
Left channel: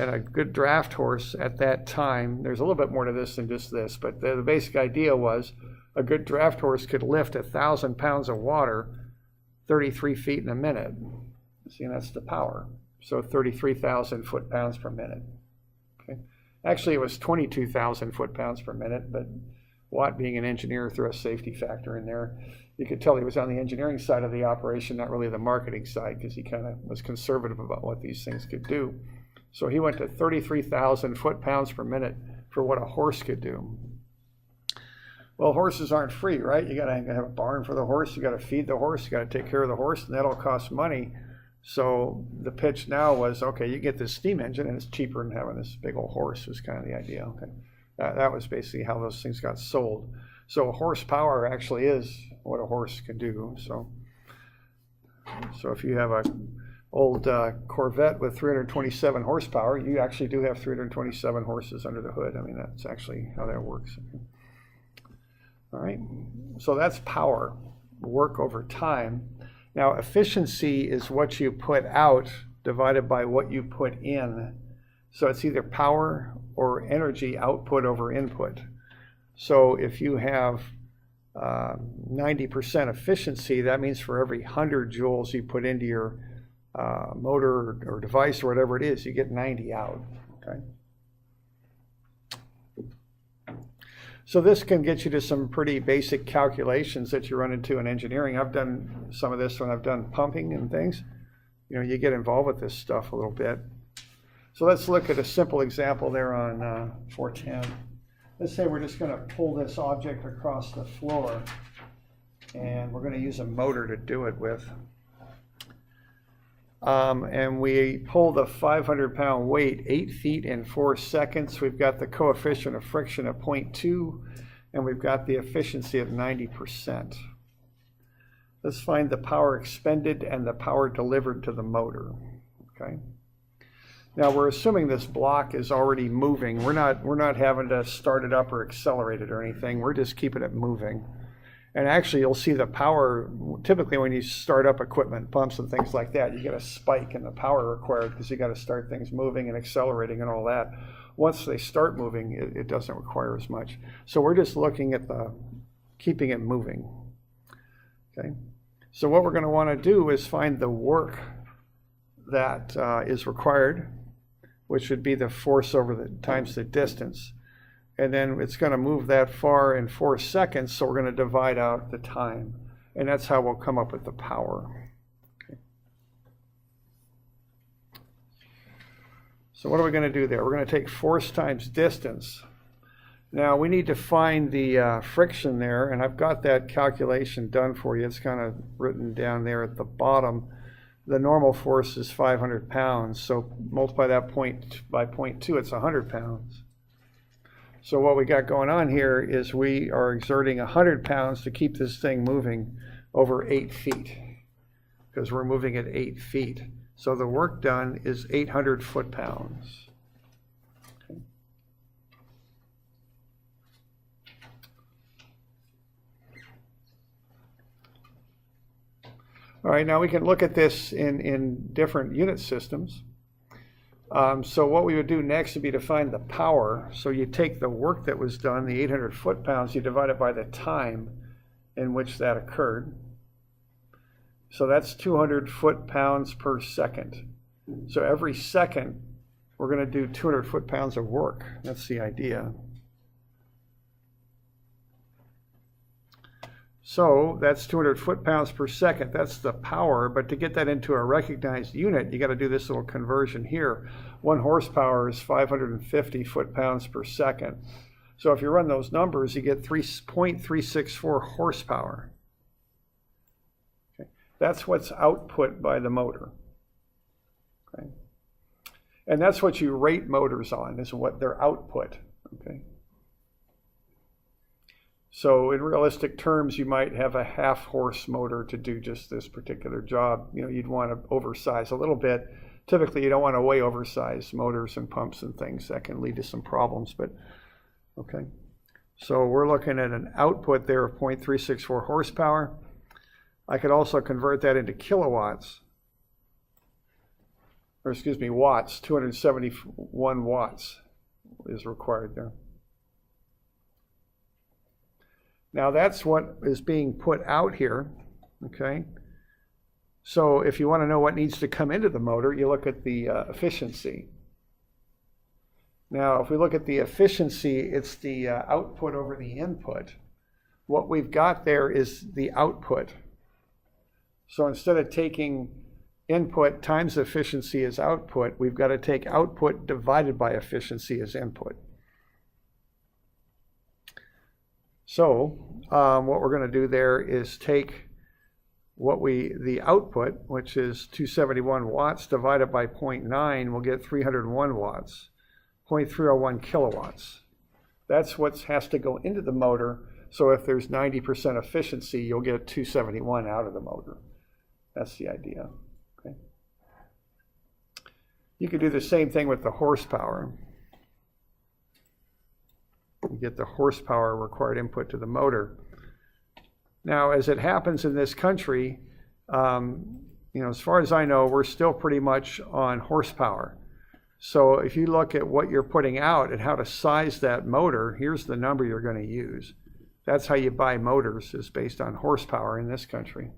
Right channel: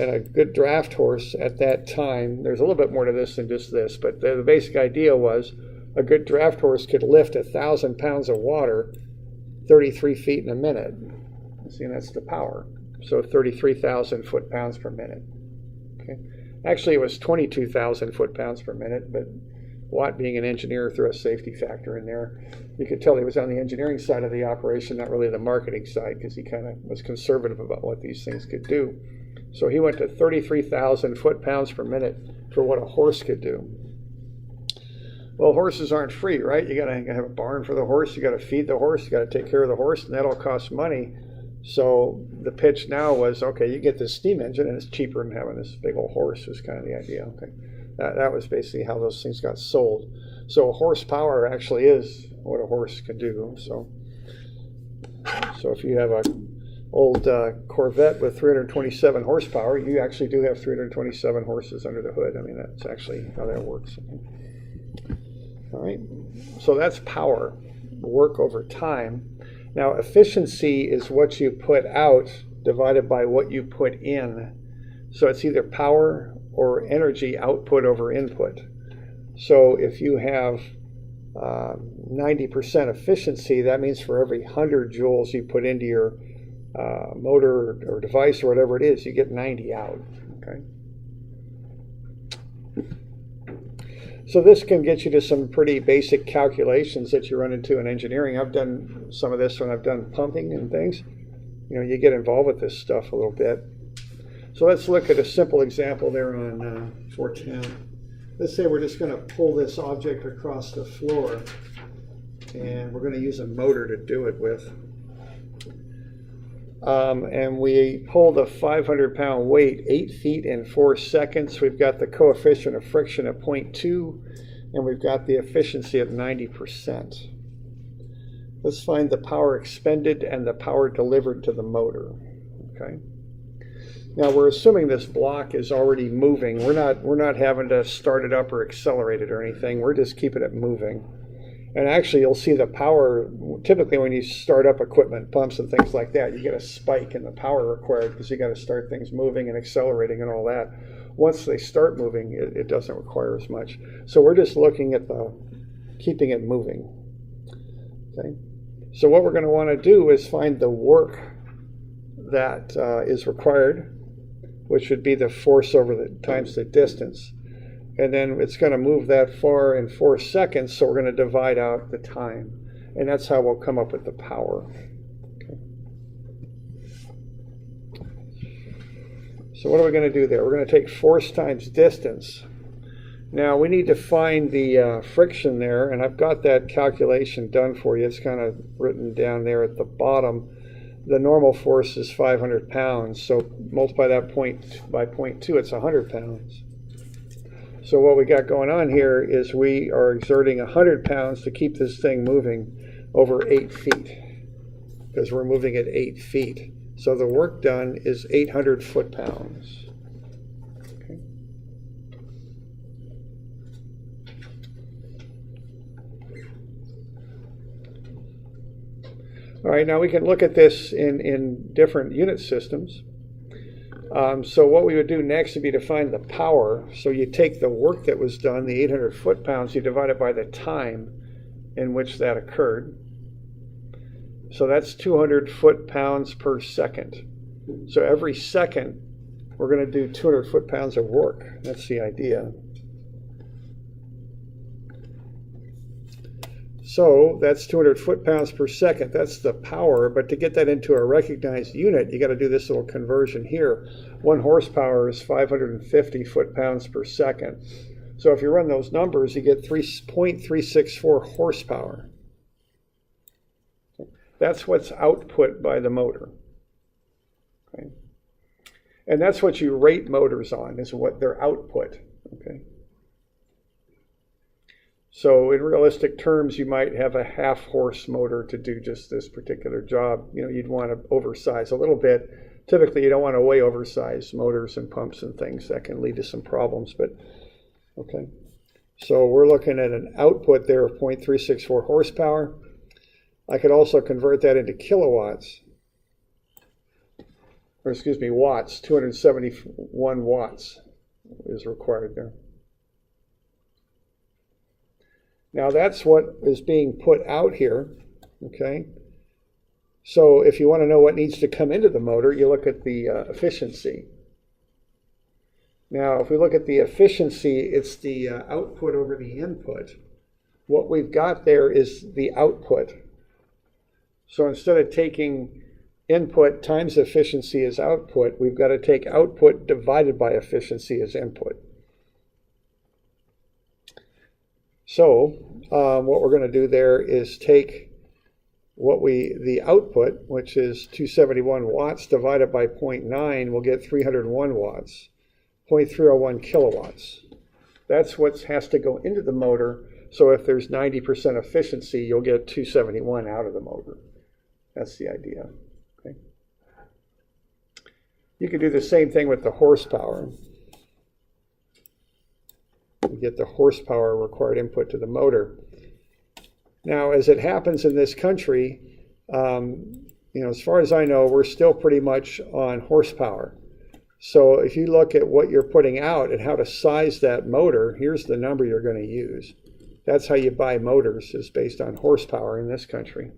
And a good draft horse at that time, there's a little bit more to this than just this, but the basic idea was a good draft horse could lift 1,000 pounds of water 33 feet in a minute. See, and that's the power. So 33,000 foot-pounds per minute. Okay. Actually, it was 22,000 foot-pounds per minute, but Watt, being an engineer, threw a safety factor in there. You could tell he was on the engineering side of the operation, not really the marketing side, because he kind of was conservative about what these things could do. So he went to 33,000 foot-pounds per minute for what a horse could do. Well, horses aren't free, right? You gotta have a barn for the horse, you gotta feed the horse, you gotta take care of the horse, and that all costs money. So the pitch now was, okay, you get this steam engine and it's cheaper than having this big old horse, was kind of the idea. Okay, that was basically how those things got sold. So horsepower actually is what a horse can do. So if you have old Corvette with 327 horsepower. You actually do have 327 horses under the hood. I mean, that's actually how that works. All right, so that's power, work over time. Now, efficiency is what you put out divided by what you put in. So it's either power or energy output over input. So if you have 90% efficiency, that means for every 100 joules you put into your motor or device or whatever it is, you get 90 out. Okay. So this can get you to some pretty basic calculations that you run into in engineering. I've done some of this when I've done pumping and things. You know, you get involved with this stuff a little bit. So let's look at a simple example there on 410. Let's say we're just going to pull this object across the floor, and we're going to use a motor to do it with. And we pull the 500-pound weight 8 feet in 4 seconds. We've got the coefficient of friction at 0.2, and we've got the efficiency at 90%. Let's find the power expended and the power delivered to the motor. Okay. Now we're assuming this block is already moving. We're not having to start it up or accelerate it or anything. We're just keeping it moving. And actually, you'll see the power, typically when you start up equipment, pumps and things like that, you get a spike in the power required because you got to start things moving and accelerating and all that. Once they start moving, it doesn't require as much. So we're just looking at keeping it moving. Okay. So what we're going to want to do is find the work that is required, which would be the force over the times the distance. And then it's going to move that far in 4 seconds, so we're going to divide out the time. And that's how we'll come up with the power. Okay. So what are we going to do there? We're going to take force times distance. Now we need to find the friction there, and I've got that calculation done for you. It's kind of written down there at the bottom. The normal force is 500 pounds, so multiply that by 0.2, it's 100 pounds. So what we got going on here is we are exerting 100 pounds to keep this thing moving over 8 feet, because we're moving at 8 feet. So the work done is 800 foot-pounds. Okay. All right, now we can look at this in different unit systems. So what we would do next would be to find the power. So you take the work that was done, the 800 foot-pounds, you divide it by the time in which that occurred. So that's 200 foot-pounds per second. So every second, we're going to do 200 foot-pounds of work. That's the idea. So that's 200 foot-pounds per second. That's the power. But to get that into a recognized unit, you got to do this little conversion here. 1 horsepower is 550 foot-pounds per second. So if you run those numbers, you get 3.364 horsepower. Okay. That's what's output by the motor. Okay. And that's what you rate motors on, is what their output. Okay. So in realistic terms, you might have a half-horse motor to do just this particular job. You know, you'd want to oversize a little bit. Typically, you don't want to way oversize motors and pumps and things. That can lead to some problems, but okay. So we're looking at an output there of 0.364 horsepower. I could also convert that into kilowatts, or excuse me, watts. 271 watts is required there. Now that's what is being put out here, okay? So if you want to know what needs to come into the motor, you look at the efficiency. Now if we look at the efficiency, it's the output over the input. What we've got there is the output. So instead of taking input times efficiency as output, we've got to take output divided by efficiency as input. So what we're going to do there is take the output, which is 271 watts, divided by 0.9, we'll get 301 watts, 0.301 kilowatts. That's what has to go into the motor. So if there's 90% efficiency, you'll get 271 out of the motor. That's the idea. Okay. You could do the same thing with the horsepower. You get the horsepower required input to the motor. Now, as it happens in this country, as far as I know, we're still pretty much on horsepower. So if you look at what you're putting out and how to size that motor, here's the number you're going to use. That's how you buy motors, is based on horsepower in this country.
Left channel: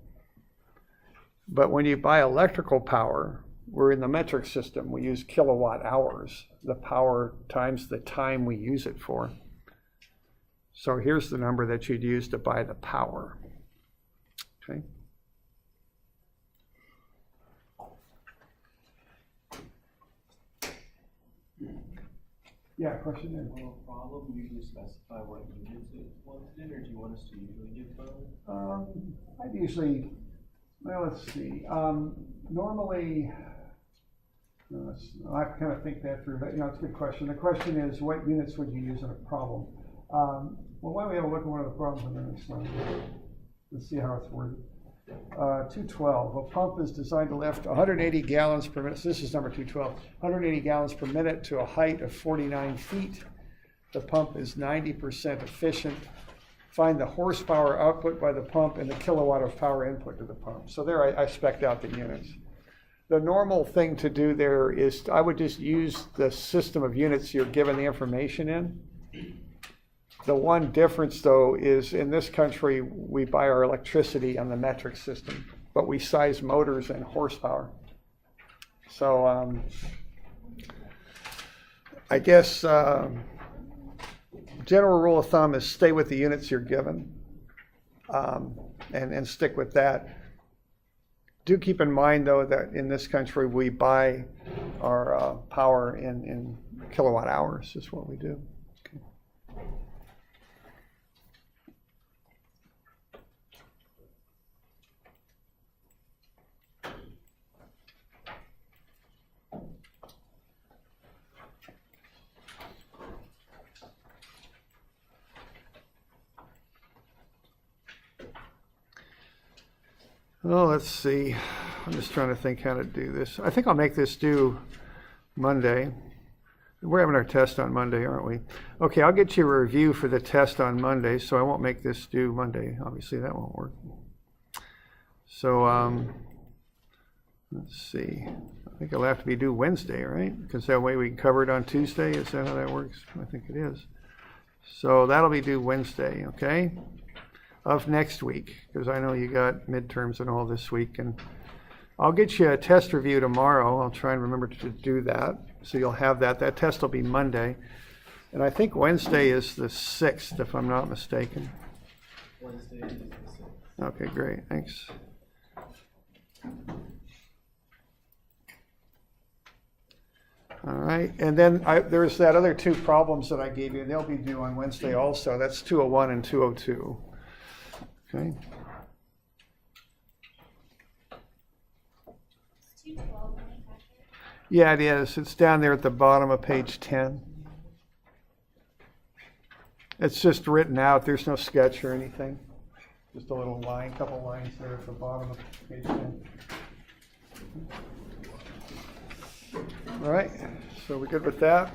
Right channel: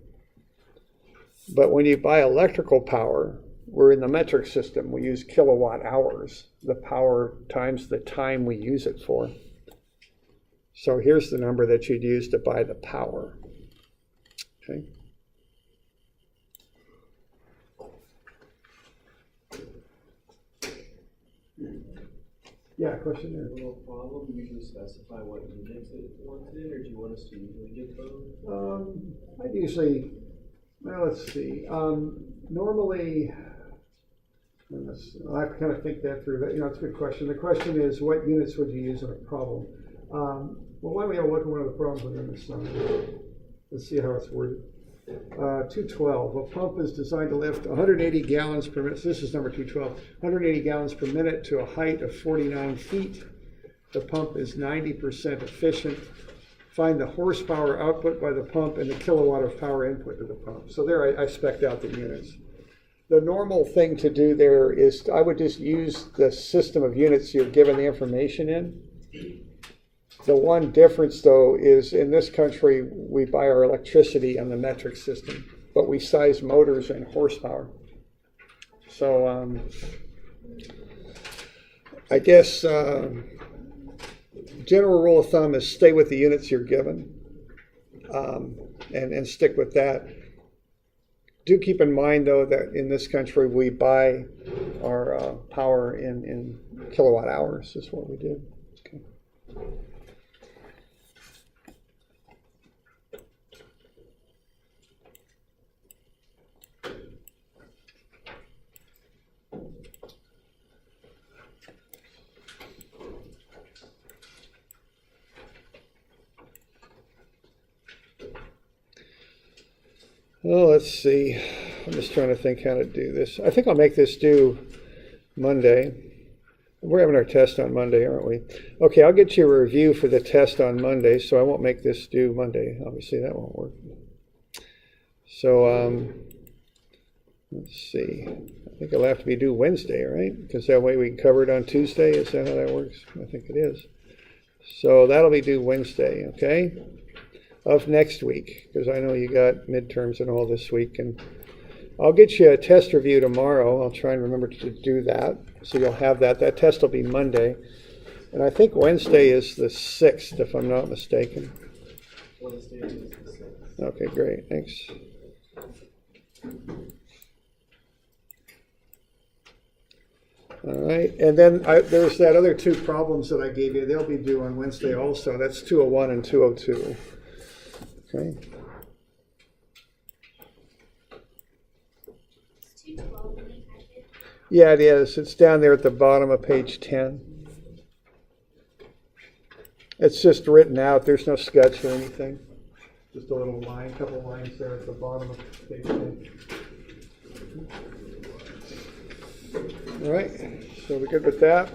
But when you buy electrical power, we're in the metric system. We use kilowatt hours, the power times the time we use it for. So here's the number that you'd use to buy the power. Okay. Yeah, question there. Will a problem usually specify what units it wants it in, or do you want us to usually give both? I'd usually, well, let's see. Normally, I have to kind of think that through. It's a good question. The question is, what units would you use in a problem? Well, why don't we have a look at one of the problems under this one? Let's see how it's worded. 212. A pump is designed to lift 180 gallons per minute. So this is number 212. 180 gallons per minute to a height of 49 feet. The pump is 90% efficient. Find the horsepower output by the pump and the kilowatt of power input to the pump. So there I spec'd out the units. The normal thing to do there is I would just use the system of units you're given the information in. The one difference, though, is in this country, we buy our electricity on the metric system, but we size motors and horsepower. So I guess general rule of thumb is stay with the units you're given and stick with that. Do keep in mind, though, that in this country, we buy our power in kilowatt hours is what we do. Okay. Oh, let's see. I'm just trying to think how to do this. I think I'll make this due Monday. We're having our test on Monday, aren't we? Okay, I'll get you a review for the test on Monday, so I won't make this due Monday. Obviously, that won't work. So, let's see. I think it'll have to be due Wednesday, right? Because that way we can cover it on Tuesday. Is that how that works? I think it is. So that'll be due Wednesday, okay? Of next week, because I know you got midterms and all this week, and I'll get you a test review tomorrow. I'll try and remember to do that, so you'll have that. That test will be Monday, and I think Wednesday is the 6th, if I'm not mistaken. Wednesday is the 6th. Okay, great, thanks. All right, and then there's that other two problems that I gave you. They'll be due on Wednesday also. That's 201 and 202. Okay. It's 212 in the packet. Yeah, it is. It's down there at the bottom of page 10. It's just written out. There's no sketch or anything. Just a little line, couple lines there at the bottom of page 10. All right, so we're good with that.